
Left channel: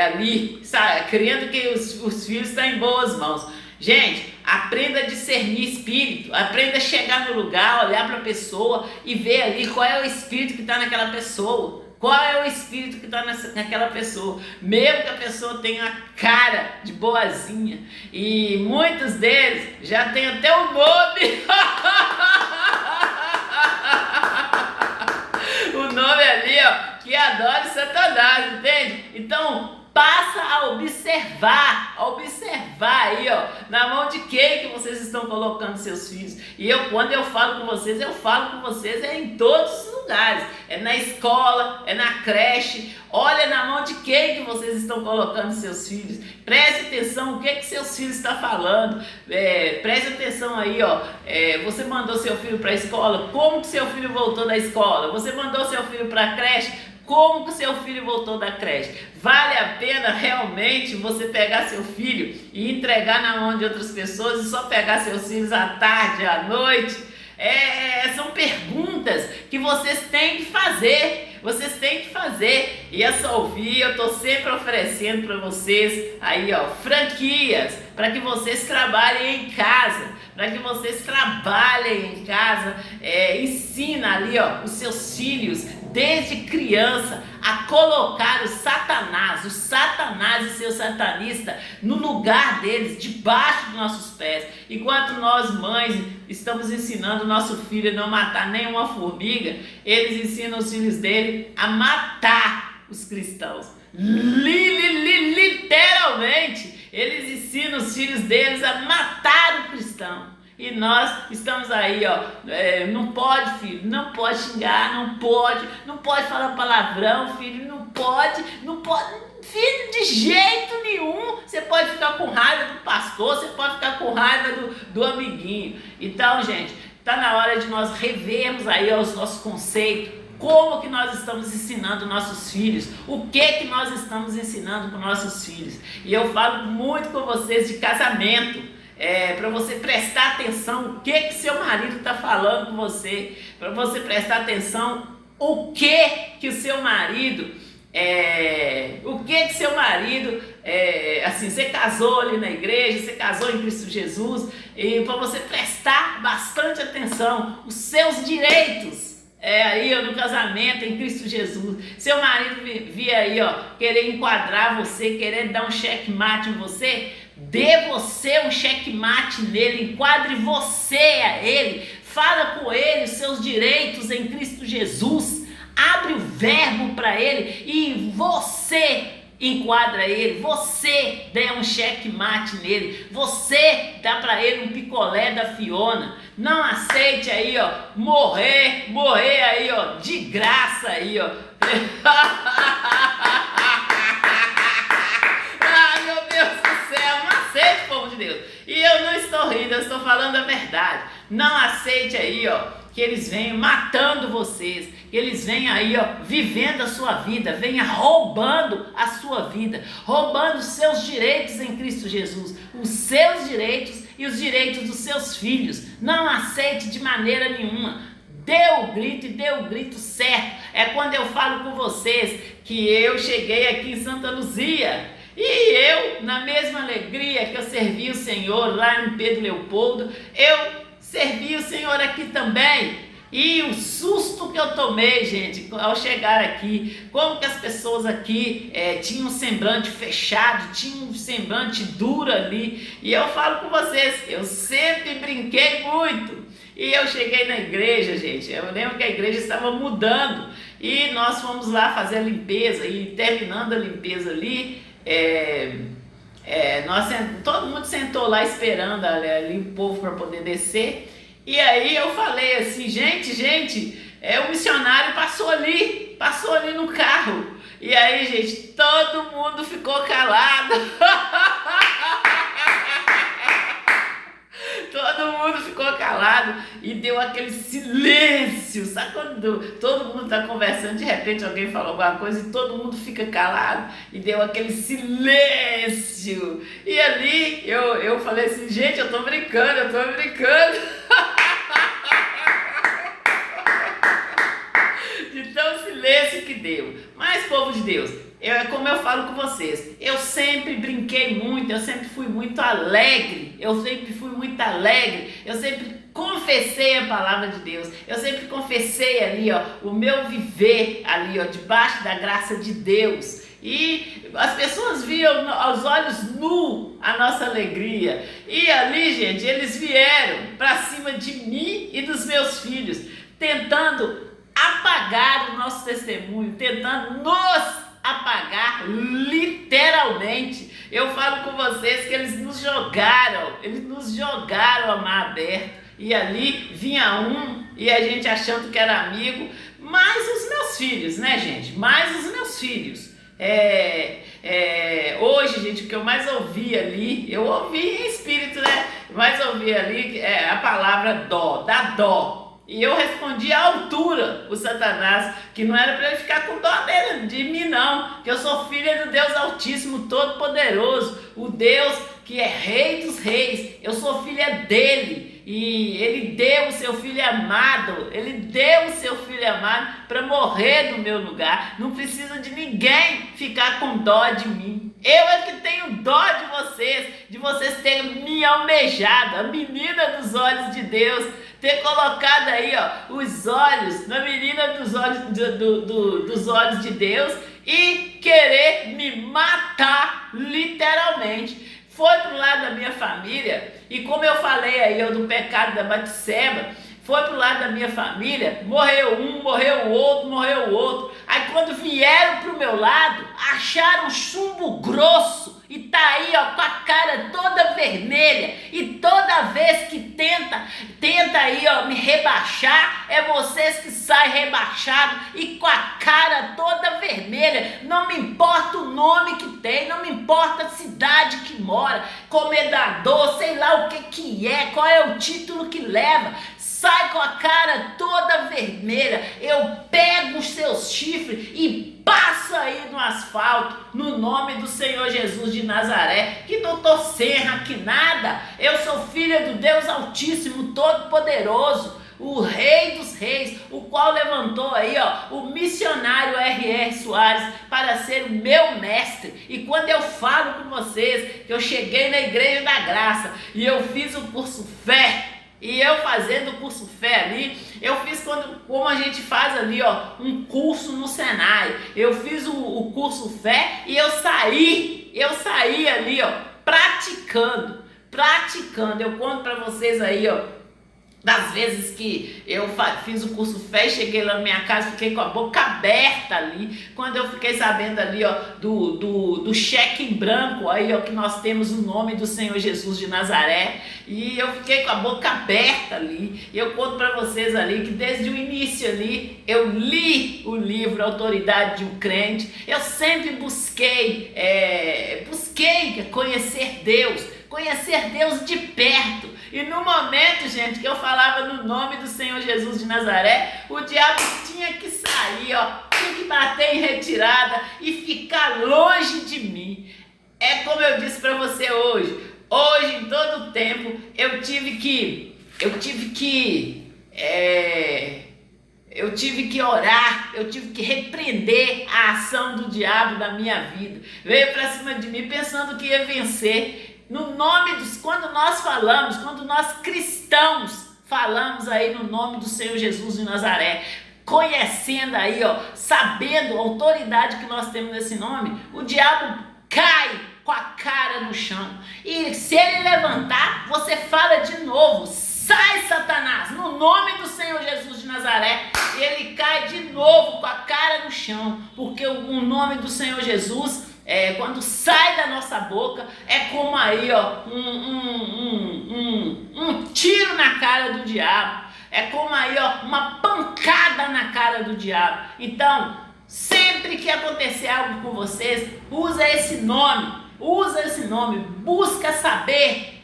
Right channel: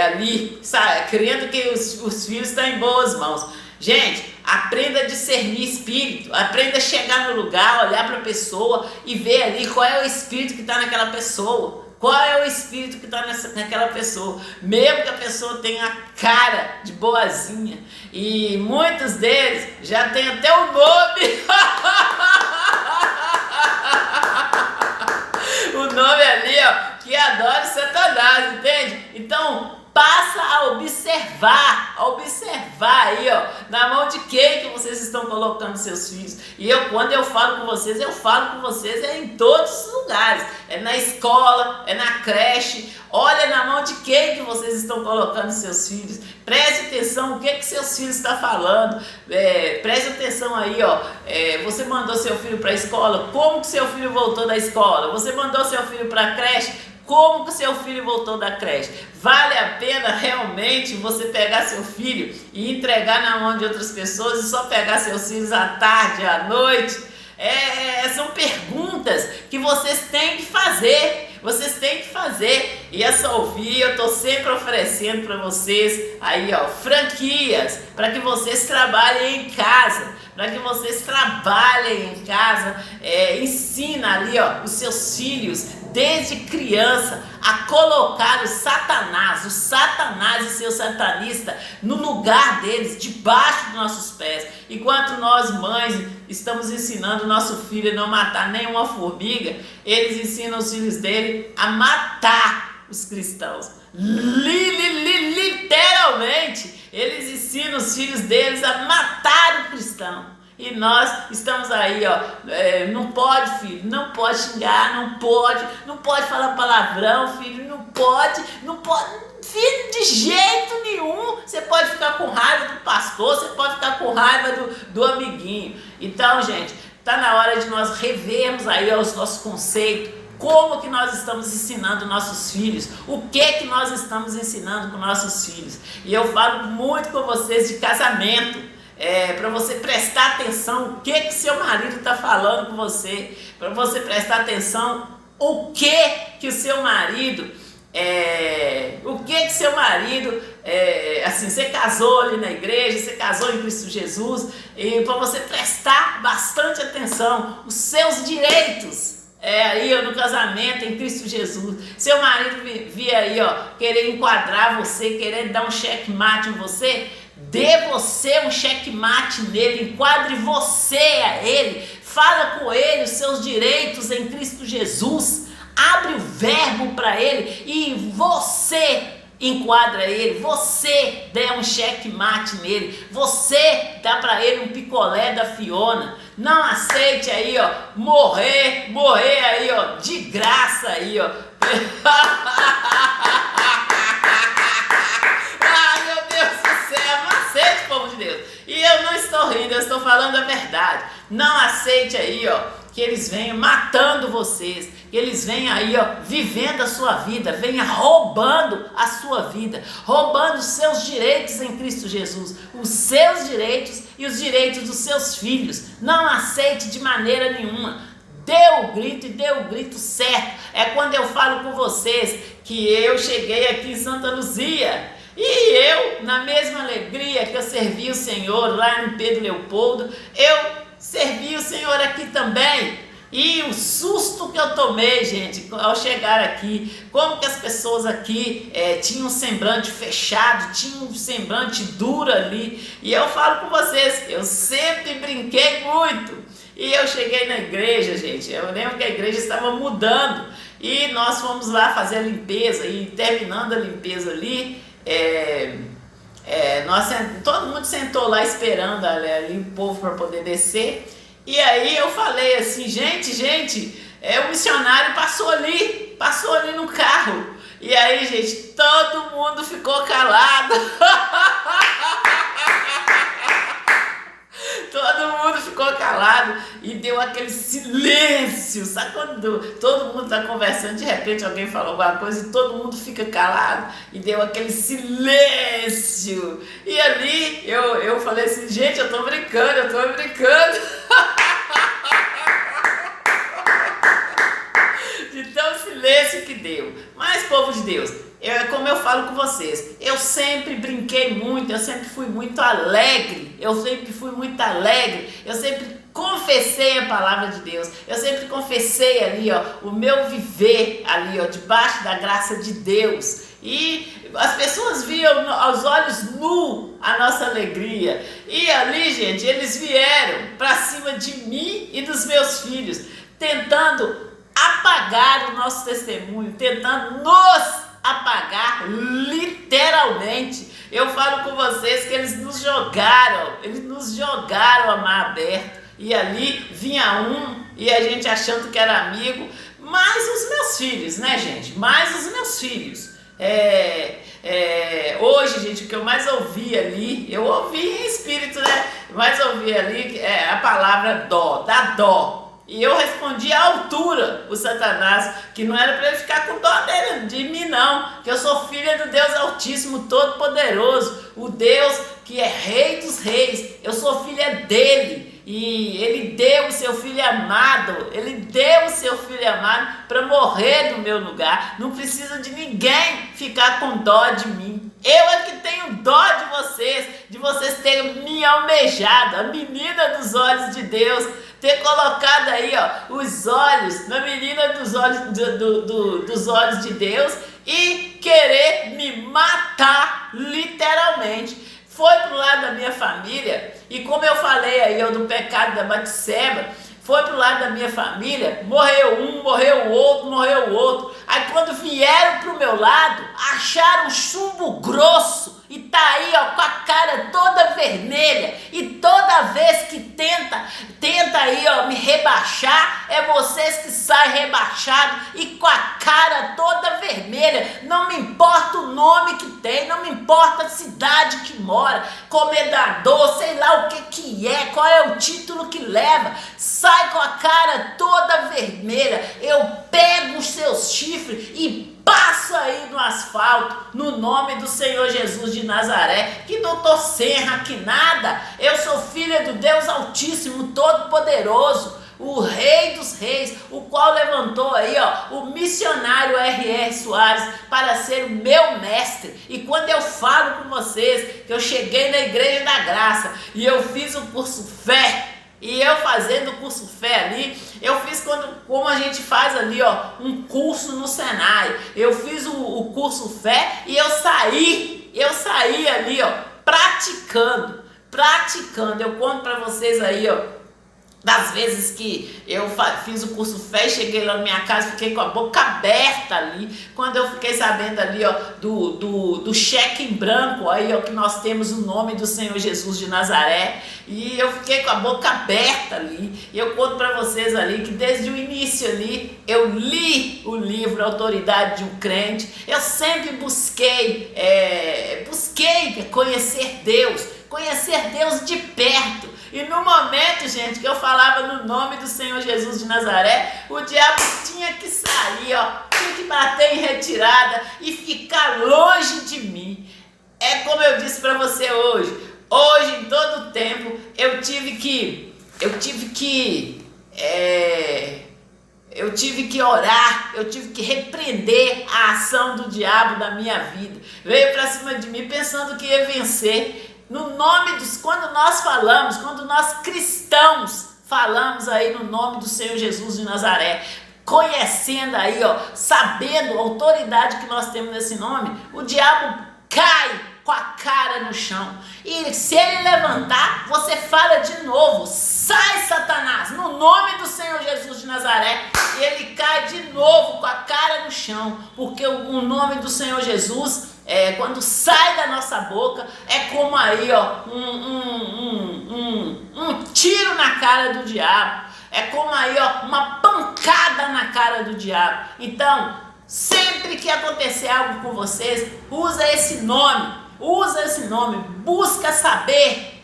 ali, sabe, crendo que os filhos estão em boas mãos. Gente, aprenda a discernir espírito, aprenda a chegar no lugar, olhar para a pessoa e ver ali qual é o espírito que está naquela pessoa. Qual é o espírito que está naquela pessoa? Mesmo que a pessoa tenha a cara de boazinha. E muitos deles já têm até o nome. O nome ali, ó, que adora Satanás, entende? Então, passa a observar aí, ó, na mão de quem que vocês estão colocando seus filhos. E quando eu falo com vocês em todos os lugares, na escola, na creche. Olha na mão de quem que vocês estão colocando seus filhos. Preste atenção o que seus filhos estão falando. Preste atenção aí, ó. Você mandou seu filho para a escola, como que seu filho voltou da escola? Você mandou seu filho para a creche, como que seu filho voltou da creche? Vale a pena realmente você pegar seu filho e entregar na mão de outras pessoas e só pegar seus filhos à tarde, à noite? São perguntas que vocês têm que fazer. E a Solvi, eu estou sempre oferecendo para vocês aí, ó, franquias para que vocês trabalhem em casa. Ensina ali, ó, os seus filhos desde criança a colocar o Satanás e seu satanista no lugar deles, debaixo dos nossos pés. Enquanto nós mães estamos ensinando nosso filho a não matar nenhuma formiga, eles ensinam os filhos dele a matar os cristãos. Literalmente, eles ensinam os filhos deles a matar o cristão. E nós estamos aí, não pode, filho, não pode xingar, não pode falar palavrão, filho, não pode, filho, de jeito nenhum. Você pode ficar com raiva do pastor, você pode ficar com raiva do amiguinho. Então, gente, está na hora de nós revermos aí os nossos conceitos. Como que nós estamos ensinando nossos filhos? O que nós estamos ensinando com nossos filhos? E eu falo muito com vocês de casamento, para você prestar atenção o que seu marido está falando com você, para você prestar atenção o que o seu marido, assim, você casou ali na igreja, você casou em Cristo Jesus, e para você prestar bastante atenção, os seus direitos, aí no casamento em Cristo Jesus. Seu marido via aí, querer enquadrar você, querer dar um checkmate em você, dê você um checkmate nele, enquadre você a ele, fala com ele os seus direitos em Cristo Jesus, abre o verbo para ele e você enquadra ele, você dê um checkmate nele, você dá para ele um picolé da Fiona. Não aceite aí, morrer aí, de graça aí, Ai, meu Deus do céu, não aceite, povo de Deus. E eu não estou rindo, eu estou falando a verdade. Não aceite aí, que eles venham matando vocês, que eles venham aí, vivendo a sua vida, venham roubando a sua vida, roubando os seus direitos em Cristo Jesus, os seus direitos e os direitos dos seus filhos. Não aceite de maneira nenhuma. Dê o grito e dê o grito certo. É quando eu falo com vocês que eu cheguei aqui em Santa Luzia e eu, na mesma alegria que eu servi o Senhor lá em Pedro Leopoldo, eu servi o Senhor aqui também. E o susto que eu tomei, gente, ao chegar aqui, como que as pessoas aqui tinham um semblante fechado, tinham um semblante duro ali. E eu falo com vocês, eu sempre brinquei muito. E eu cheguei na igreja, gente, eu lembro que a igreja estava mudando e nós fomos lá fazer a limpeza. E terminando a limpeza ali, todo mundo sentou lá esperando ali o povo para poder descer. E aí eu falei assim, gente, o missionário passou ali no carro. E aí, gente, todo mundo ficou calado. Todo mundo ficou calado e deu aquele silêncio. Sabe quando todo mundo está conversando, de repente alguém fala alguma coisa e todo mundo fica calado? E deu aquele silêncio. E ali eu falei assim, gente, eu tô brincando. De tão silêncio que deu. Mas, povo de Deus, como eu falo com vocês, eu sempre brinquei muito, eu sempre fui muito alegre, eu sempre confessei a palavra de Deus, eu sempre confessei ali, o meu viver ali, debaixo da graça de Deus. E as pessoas viam aos olhos nus a nossa alegria. E ali, gente, eles vieram para cima de mim e dos meus filhos, tentando apagar o nosso testemunho, tentando nos apagar, literalmente. Eu falo com vocês que eles nos jogaram a mar aberto. E ali vinha um e a gente achando que era amigo, mais os meus filhos, né, gente? Mais os meus filhos. Hoje, gente, o que eu mais ouvi ali, eu ouvi em espírito, né? Mais ouvi ali a palavra dó, dá dó. E eu respondi à altura o Satanás, que não era para ele ficar com dó dele, de mim não, que eu sou filha do Deus Altíssimo, Todo-Poderoso, o Deus que é Rei dos Reis, eu sou filha dele, e ele deu o seu filho amado, para morrer no meu lugar. Não precisa de ninguém ficar com dó de mim. Eu é que tenho dó de vocês terem me almejado, a menina dos olhos de Deus, ter colocado aí, ó, os olhos na menina dos olhos, dos olhos de Deus e querer me matar, literalmente. Foi pro lado da minha família, e como eu falei aí, ó, do pecado da Batseba, foi pro lado da minha família, morreu um, morreu o outro, morreu o outro. Aí quando vieram pro meu lado, acharam chumbo grosso e tá aí, ó, com a cara toda vermelha. E toda vez que tenta aí, ó, me rebaixar, é vocês que saem rebaixados e com a cara toda vermelha. Não me importa o nome que tem, não me importa a cidade que mora, comendador, sei lá o que é, qual é o título que leva. Sai com a cara toda vermelha, eu pego os seus chifres e passo aí no asfalto, no nome do Senhor Jesus de Nazaré, que doutor Serra, que nada, eu sou filha do Deus Altíssimo, Todo-Poderoso, o Rei dos Reis, o qual levantou aí, ó, o missionário R.R. Soares para ser o meu mestre. E quando eu falo com vocês que eu cheguei na Igreja da Graça e eu fiz o curso Fé, e eu fazendo o curso Fé ali, eu fiz como a gente faz ali, ó, um curso no Senai. Eu fiz o curso Fé e eu saí ali, ó, praticando. Eu conto para vocês aí, ó, das vezes que eu fiz o curso Fé e cheguei lá na minha casa, fiquei com a boca aberta ali, quando eu fiquei sabendo ali, ó, do cheque em branco, aí, ó, que nós temos o nome do Senhor Jesus de Nazaré, e eu fiquei com a boca aberta ali, e eu conto para vocês ali, que desde o início ali, eu li o livro Autoridade de um Crente, eu sempre busquei conhecer Deus de perto. E no momento, gente, que eu falava no nome do Senhor Jesus de Nazaré, o diabo tinha que sair, ó, tinha que bater em retirada e ficar longe de mim. É como eu disse para você hoje, em todo o tempo, eu tive que orar, eu tive que repreender a ação do diabo na minha vida. Veio para cima de mim pensando que ia vencer. No nome quando nós cristãos falamos aí no nome do Senhor Jesus de Nazaré, conhecendo aí, ó, sabendo a autoridade que nós temos nesse nome, o diabo cai com a cara no chão. E se ele levantar, você fala de novo: sai, Satanás, no nome do Senhor Jesus de Nazaré. E ele cai de novo com a cara no chão, porque o nome do Senhor Jesus, quando sai da nossa boca, é como aí, ó, um tiro na cara do diabo. É como aí, ó, uma pancada na cara do diabo. Então, sempre que acontecer algo com vocês, usa esse nome, busca saber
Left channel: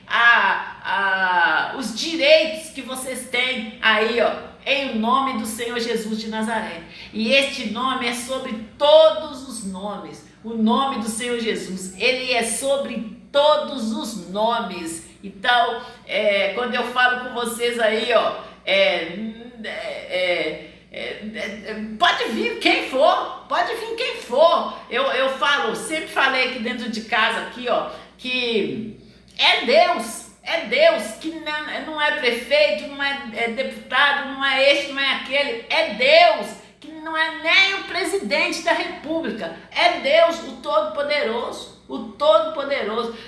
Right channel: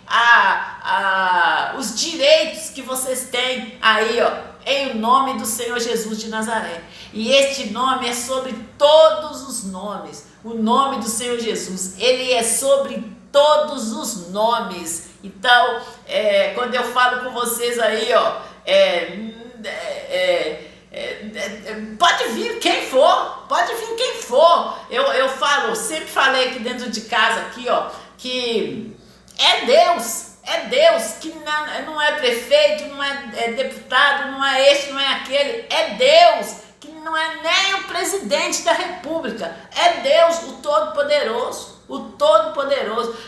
os direitos que vocês têm aí, ó, em nome do Senhor Jesus de Nazaré. E este nome é sobre todos os nomes. O nome do Senhor Jesus, ele é sobre todos os nomes. Então, quando eu falo com vocês aí, ó, pode vir quem for, eu falo, sempre falei aqui dentro de casa, aqui, ó, que é Deus, que não é prefeito, não é deputado, não é este, não é aquele, é Deus, que não é nem o presidente da república, é Deus, o Todo-Poderoso,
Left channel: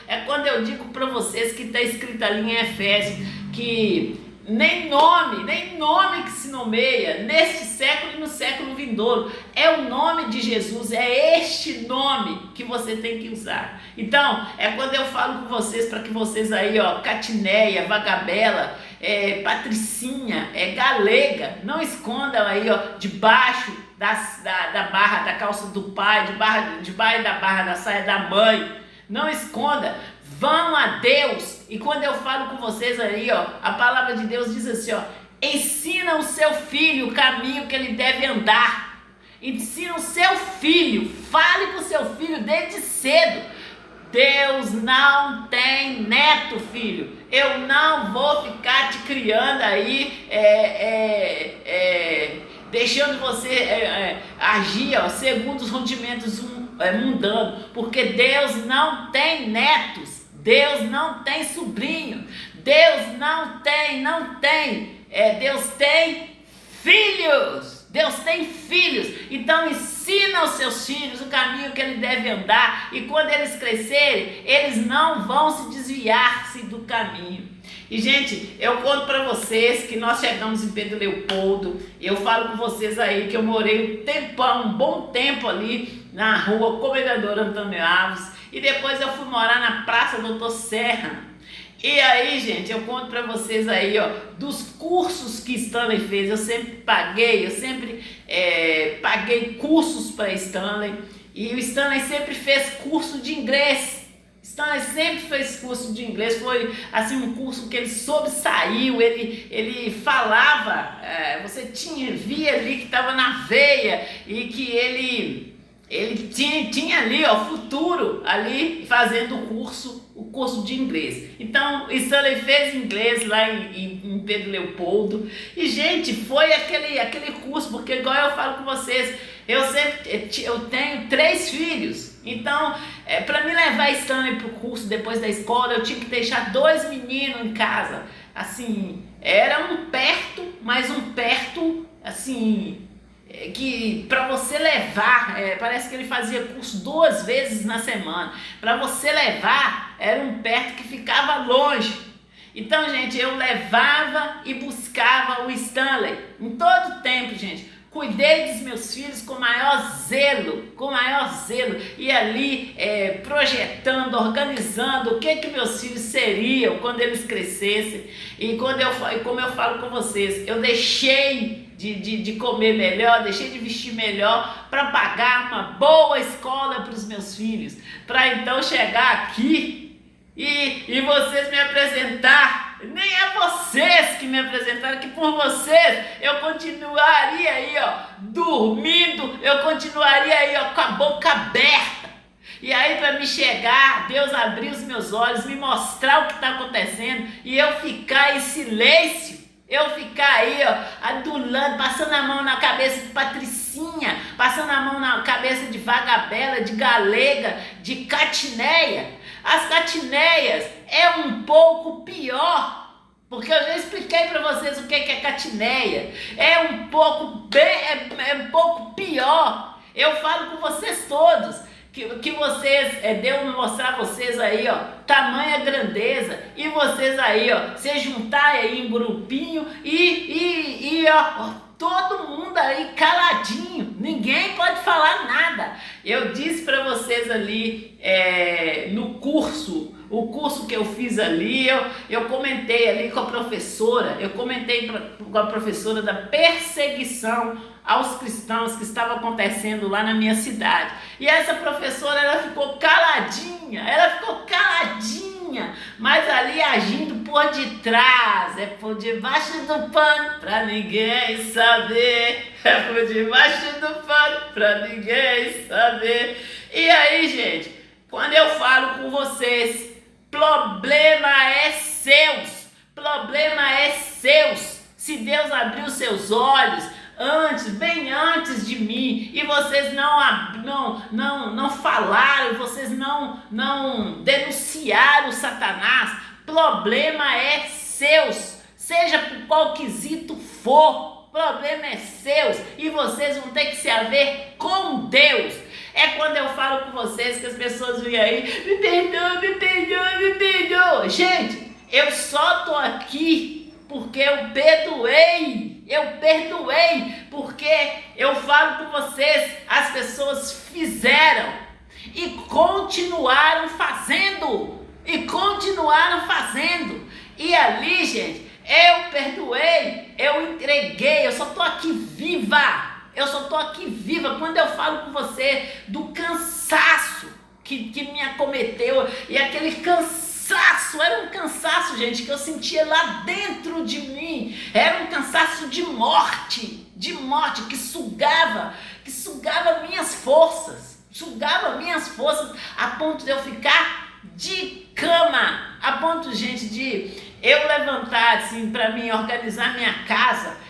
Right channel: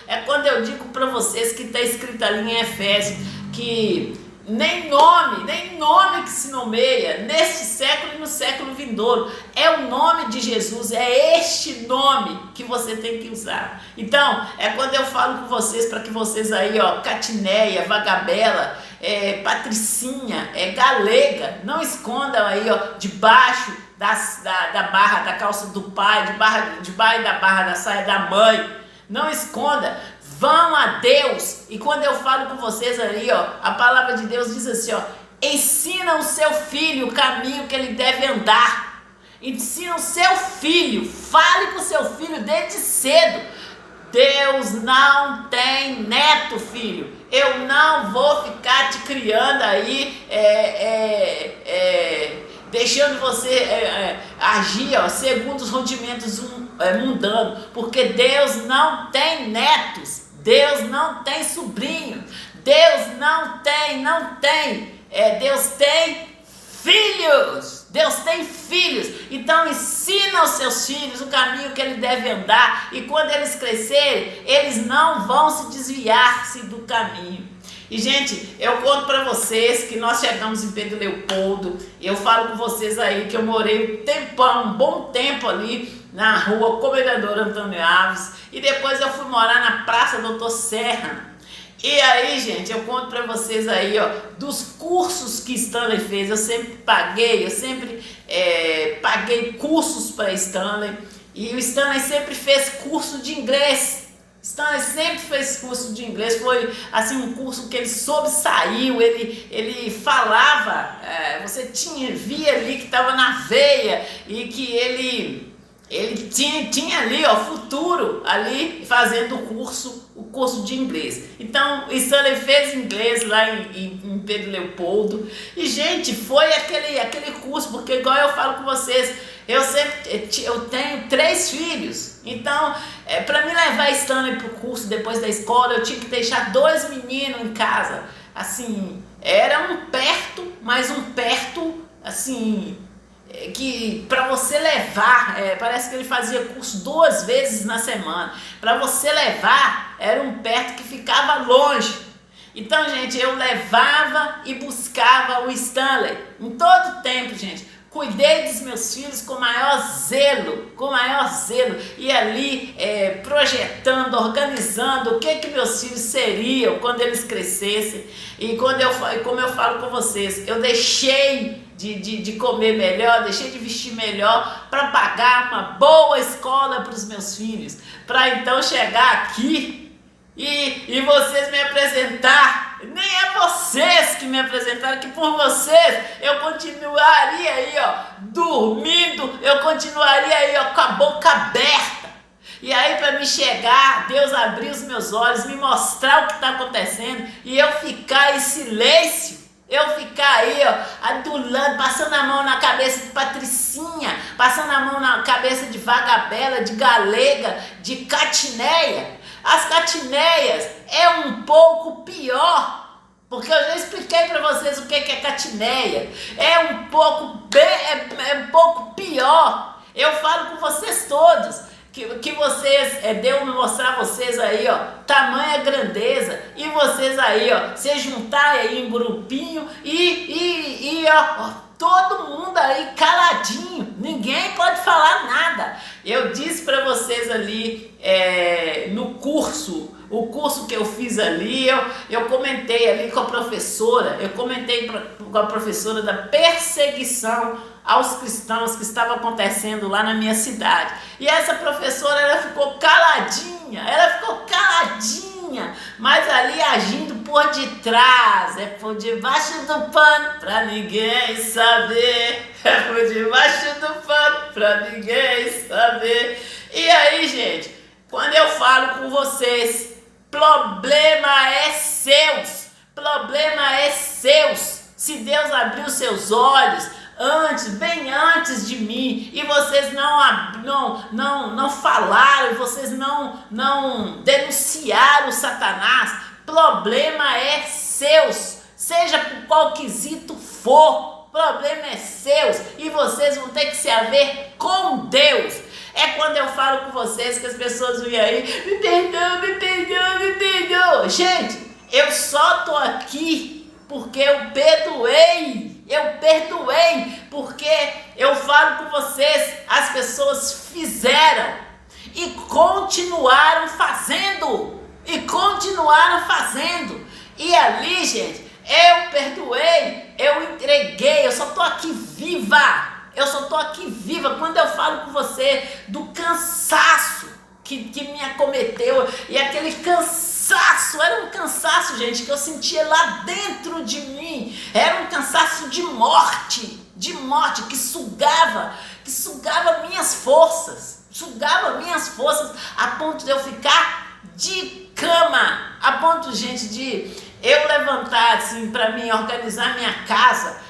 É quando eu digo para vocês que está escrito ali em Efésios, que nem nome que se nomeia neste século e no século vindouro, é o nome de Jesus, é este nome que você tem que usar. Então, é quando eu falo com vocês, para que vocês aí, ó, Catineia, Vagabela, Patricinha, Galega, não escondam aí, ó, debaixo da barra da calça do pai, debaixo da barra da saia da mãe, não esconda. Vão a Deus. E quando eu falo com vocês aí, ó, a palavra de Deus diz assim, ó: ensina o seu filho o caminho que ele deve andar. Ensina o seu filho, fale com o seu filho desde cedo. Deus não tem neto, filho. Eu não vou ficar te criando aí, deixando você agir, ó, segundo os rudimentos mundanos, porque Deus não tem netos. Deus não tem sobrinho, Deus não tem. Deus tem filhos. Deus tem filhos. Então ensina aos seus filhos o caminho que ele deve andar. E quando eles crescerem, eles não vão se desviar-se do caminho. E, gente, eu conto para vocês que nós chegamos em Pedro Leopoldo. Eu falo com vocês aí que eu morei um bom tempo ali na rua Comendador Antônio Alves. E depois eu fui morar na Praça Doutor Serra. E aí, gente, eu conto para vocês aí, ó, dos cursos que Stanley fez. Eu sempre paguei cursos para Stanley. E o Stanley sempre fez curso de inglês. Stanley sempre fez curso de inglês, foi assim um curso que ele sobressaiu, ele falava, você via ali que estava na veia e que ele tinha ali, ó, futuro ali fazendo o curso de inglês. Então, Stanley fez inglês lá em Pedro Leopoldo e, gente, foi aquele curso, porque igual eu falo com vocês, eu tenho 3 filhos, então para me levar Stanley para o curso depois da escola, eu tinha que deixar 2 meninos em casa, assim, era um perto, mas um perto, assim, que para você levar, parece que ele fazia curso 2 vezes na semana, para você levar, era um perto que ficava longe. Então, gente, eu levava e buscava o Stanley em todo tempo, gente. Cuidei dos meus filhos com maior zelo, e ali projetando, organizando o que meus filhos seriam quando eles crescessem. E como eu falo com vocês, eu deixei de comer melhor, deixei de vestir melhor para pagar uma boa escola para os meus filhos, para então chegar aqui e vocês me apresentar. Nem é vocês que me apresentaram, que por vocês eu continuaria aí, ó, dormindo, eu continuaria aí, ó, com a boca aberta. E aí para me chegar, Deus abrir os meus olhos, me mostrar o que está acontecendo e eu ficar em silêncio. Eu ficar aí, ó, adulando, passando a mão na cabeça de Patricinha, passando a mão na cabeça de Vagabela, de Galega, de Catineia. As Catineias é um pouco pior, porque eu já expliquei para vocês o que é Catineia. É um pouco pior. Eu falo com vocês todos que vocês, Deus me mostrar vocês aí, ó, tamanha grandeza, e vocês aí, ó, se juntar aí em grupinho ó, todo mundo aí caladinho, ninguém pode falar nada. Eu disse para vocês ali no curso, o curso que eu fiz ali, eu comentei ali com a professora, com a professora da perseguição aos cristãos que estava acontecendo lá na minha cidade. E essa professora, ela ficou caladinha, mas ali agindo por detrás, por debaixo do pano, pra ninguém saber, por debaixo do pano, pra ninguém saber. E aí, gente, quando eu falo com vocês, problema é seus, se Deus abrir os seus olhos, bem antes de mim, e vocês não falaram, vocês não denunciaram Satanás, problema é seus, seja por qual quesito for, problema é seus, e vocês vão ter que se haver com Deus. É quando eu falo com vocês que as pessoas vêm aí, me perdoa. Gente, eu só tô aqui porque eu perdoei, porque eu falo com vocês, as pessoas fizeram e continuaram fazendo, e ali, gente, eu perdoei, eu entreguei, eu só tô aqui viva, quando eu falo com você do cansaço que me acometeu, e aquele cansaço, era um cansaço, gente, que eu sentia lá dentro de mim, era um cansaço de morte, que sugava minhas forças, a ponto de eu ficar de cama, a ponto, gente, de eu levantar assim para mim organizar minha casa,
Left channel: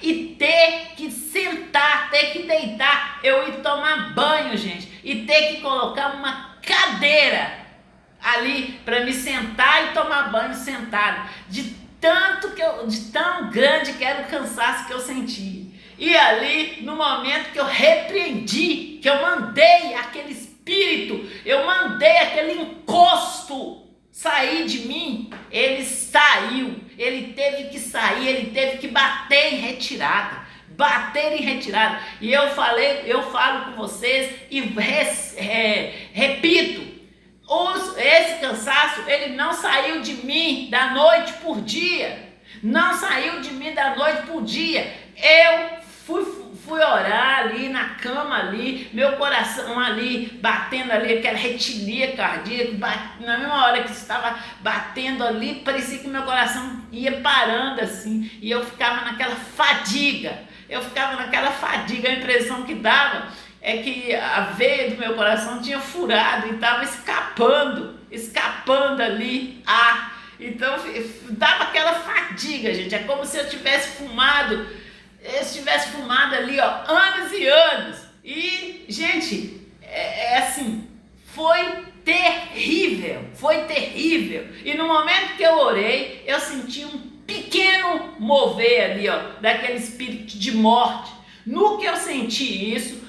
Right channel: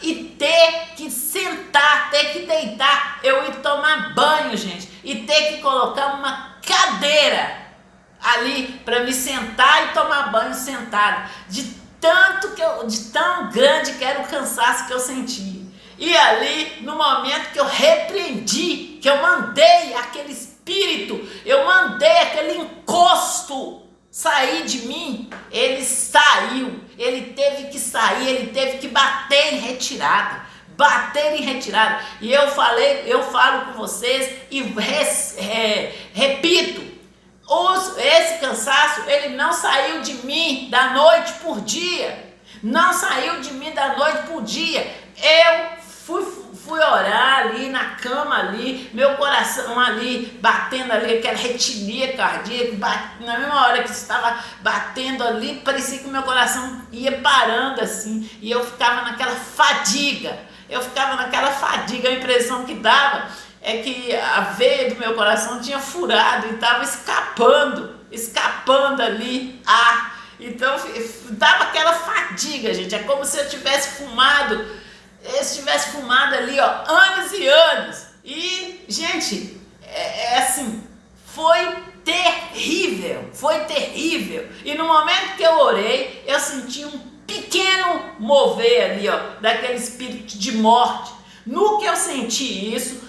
e ter que sentar, ter que deitar, eu ir tomar banho, gente, e ter que colocar uma cadeira ali para me sentar e tomar banho sentado, de tão grande que era o cansaço que eu sentia. E ali, no momento que eu repreendi, que eu mandei aquele espírito, eu mandei aquele encosto sair de mim, ele saiu, ele teve que sair, ele teve que bater em retirada. E eu falo com vocês e repito, esse cansaço, ele não saiu de mim da noite por dia, eu fui orar ali na cama ali, meu coração ali, batendo ali, aquela retilia cardíaca, na mesma hora que estava batendo ali, parecia que meu coração ia parando assim, e eu ficava naquela fadiga, a impressão que dava é que a veia do meu coração tinha furado e estava escapando ali ar. Então dava aquela fadiga, gente. É como se eu tivesse fumado ali, ó, anos e anos. E, gente, assim, foi terrível. E no momento que eu orei, eu senti um pequeno mover ali, ó, daquele espírito de morte. No que eu senti isso,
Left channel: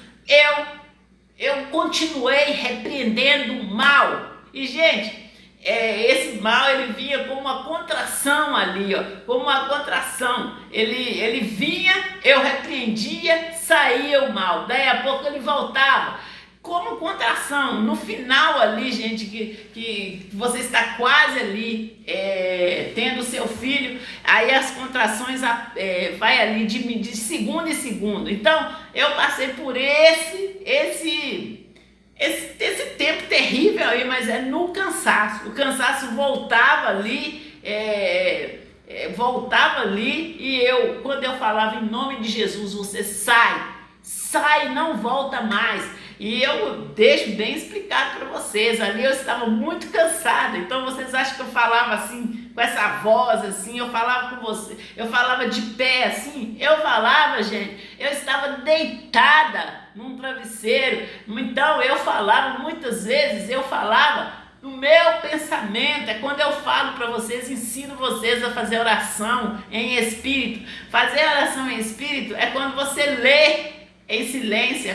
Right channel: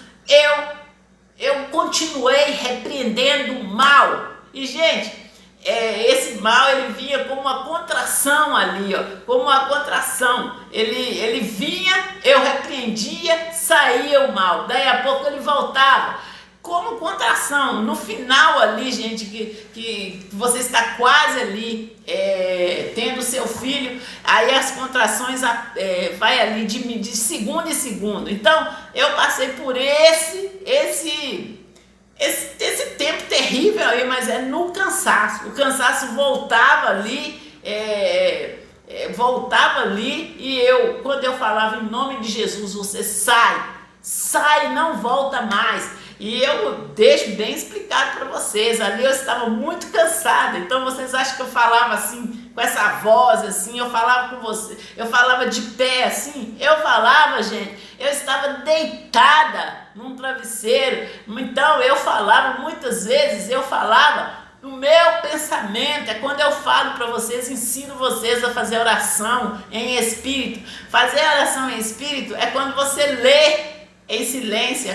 eu continuei repreendendo o mal. E, gente, esse mal, ele vinha como uma contração ali, ó, como uma contração. Ele vinha, eu repreendia, saía o mal. Daí a pouco ele voltava. Como contração, no final ali, gente, que você está quase ali tendo seu filho, aí as contrações vai ali de segundo em segundo. Então, eu passei por esse tempo terrível aí, mas no cansaço. O cansaço voltava ali, e quando eu falava em nome de Jesus, você sai, não volta mais. E eu deixo bem explicado para vocês, ali eu estava muito cansada, então vocês acham que eu falava assim, com essa voz assim, eu falava com você, eu falava de pé assim, gente, eu estava deitada num travesseiro, então muitas vezes eu falava no meu pensamento. É quando eu falo para vocês, ensino vocês a fazer oração em espírito. Fazer oração em espírito é quando você lê em silêncio, é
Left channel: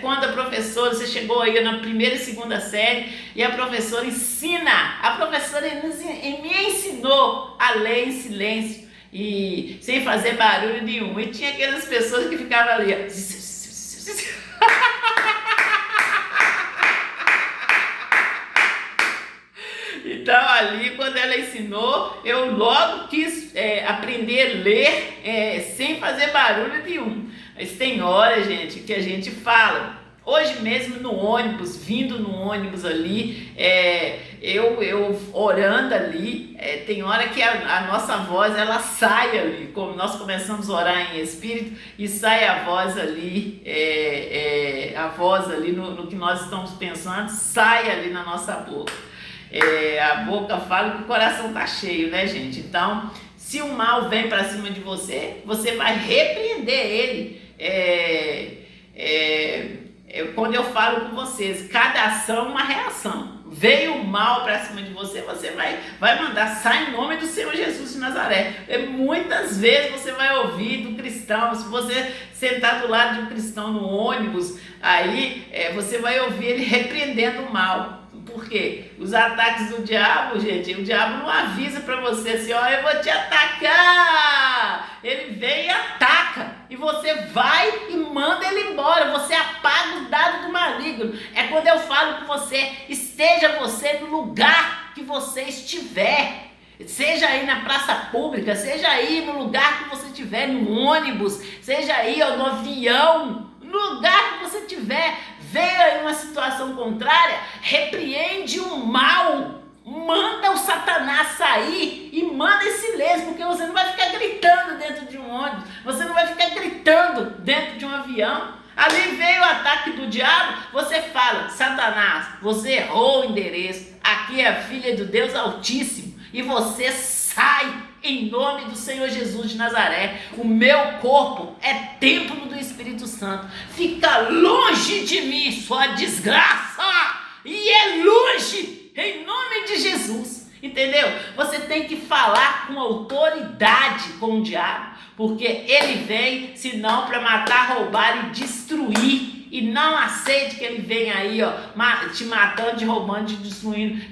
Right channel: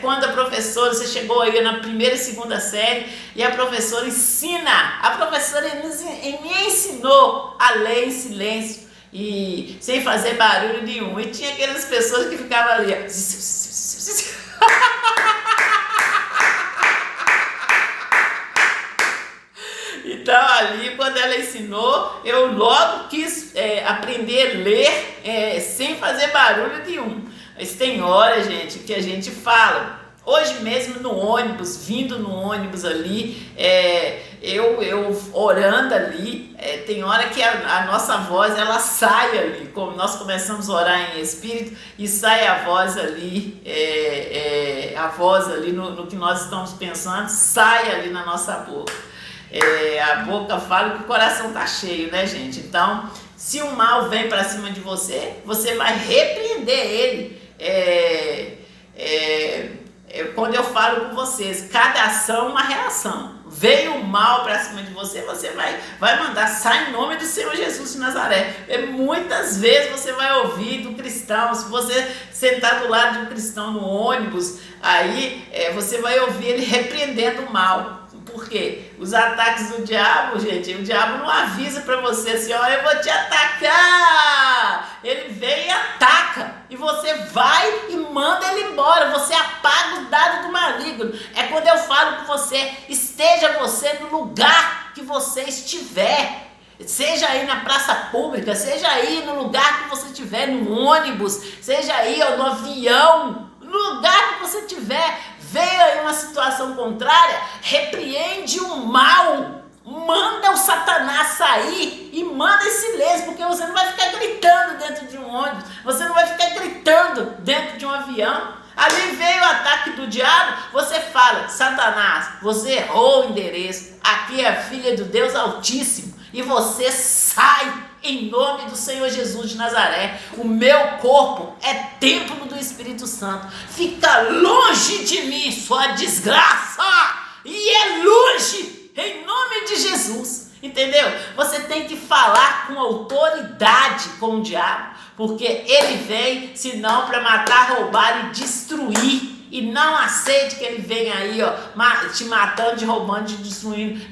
quando a professora, você chegou aí na primeira e segunda série e a professora ensina, me ensinou a ler em silêncio e sem fazer barulho nenhum. E tinha aquelas pessoas que ficavam ali, ó. Então ali, quando ela ensinou, eu logo quis aprender a ler sem fazer barulho nenhum. Mas tem hora, gente, que a gente fala. Hoje mesmo no ônibus, vindo no ônibus ali, eu orando ali, tem hora que a nossa voz, ela sai ali, como nós começamos a orar em espírito, e sai a voz ali, no que nós estamos pensando, sai ali na nossa boca. A boca fala que o coração tá cheio, né, gente? Então, se o mal vem para cima de você, você vai repreender ele. Quando eu falo com vocês, cada ação uma reação. Veio o mal para cima de você, você vai mandar, sai em nome do Senhor Jesus de Nazaré. Muitas vezes você vai ouvir do cristão, se você sentar do lado de um cristão no ônibus, aí você vai ouvir ele repreendendo o mal. Por quê? Os ataques do diabo, gente, o diabo não avisa para você assim, ó, eu vou te atacar. Ele vem e ataca, e você vai e manda ele embora, você apaga o dado do maligno. É quando eu falo com você, esteja você no lugar que você estiver. Seja aí na praça pública, seja aí no lugar que você estiver, no ônibus, seja aí ó, no avião, no lugar que você estiver, veio aí uma situação contrária, repreende o mal, manda o Satanás sair e manda em silêncio, porque você não vai ficar gritando dentro de um ônibus, você não vai ficar gritando dentro de um avião. Ali veio o ataque do diabo, você fala, Satanás, você errou o endereço, aqui é a filha do Deus Altíssimo, e você sai em nome do Senhor Jesus de Nazaré. O meu corpo é templo do Espírito Santo, fica longe de mim sua desgraça, e Jesus, entendeu? Você tem que falar com autoridade com o diabo, porque ele vem, senão para matar, roubar e destruir. E não aceite que ele venha aí, ó, te matando, te roubando, te destruindo.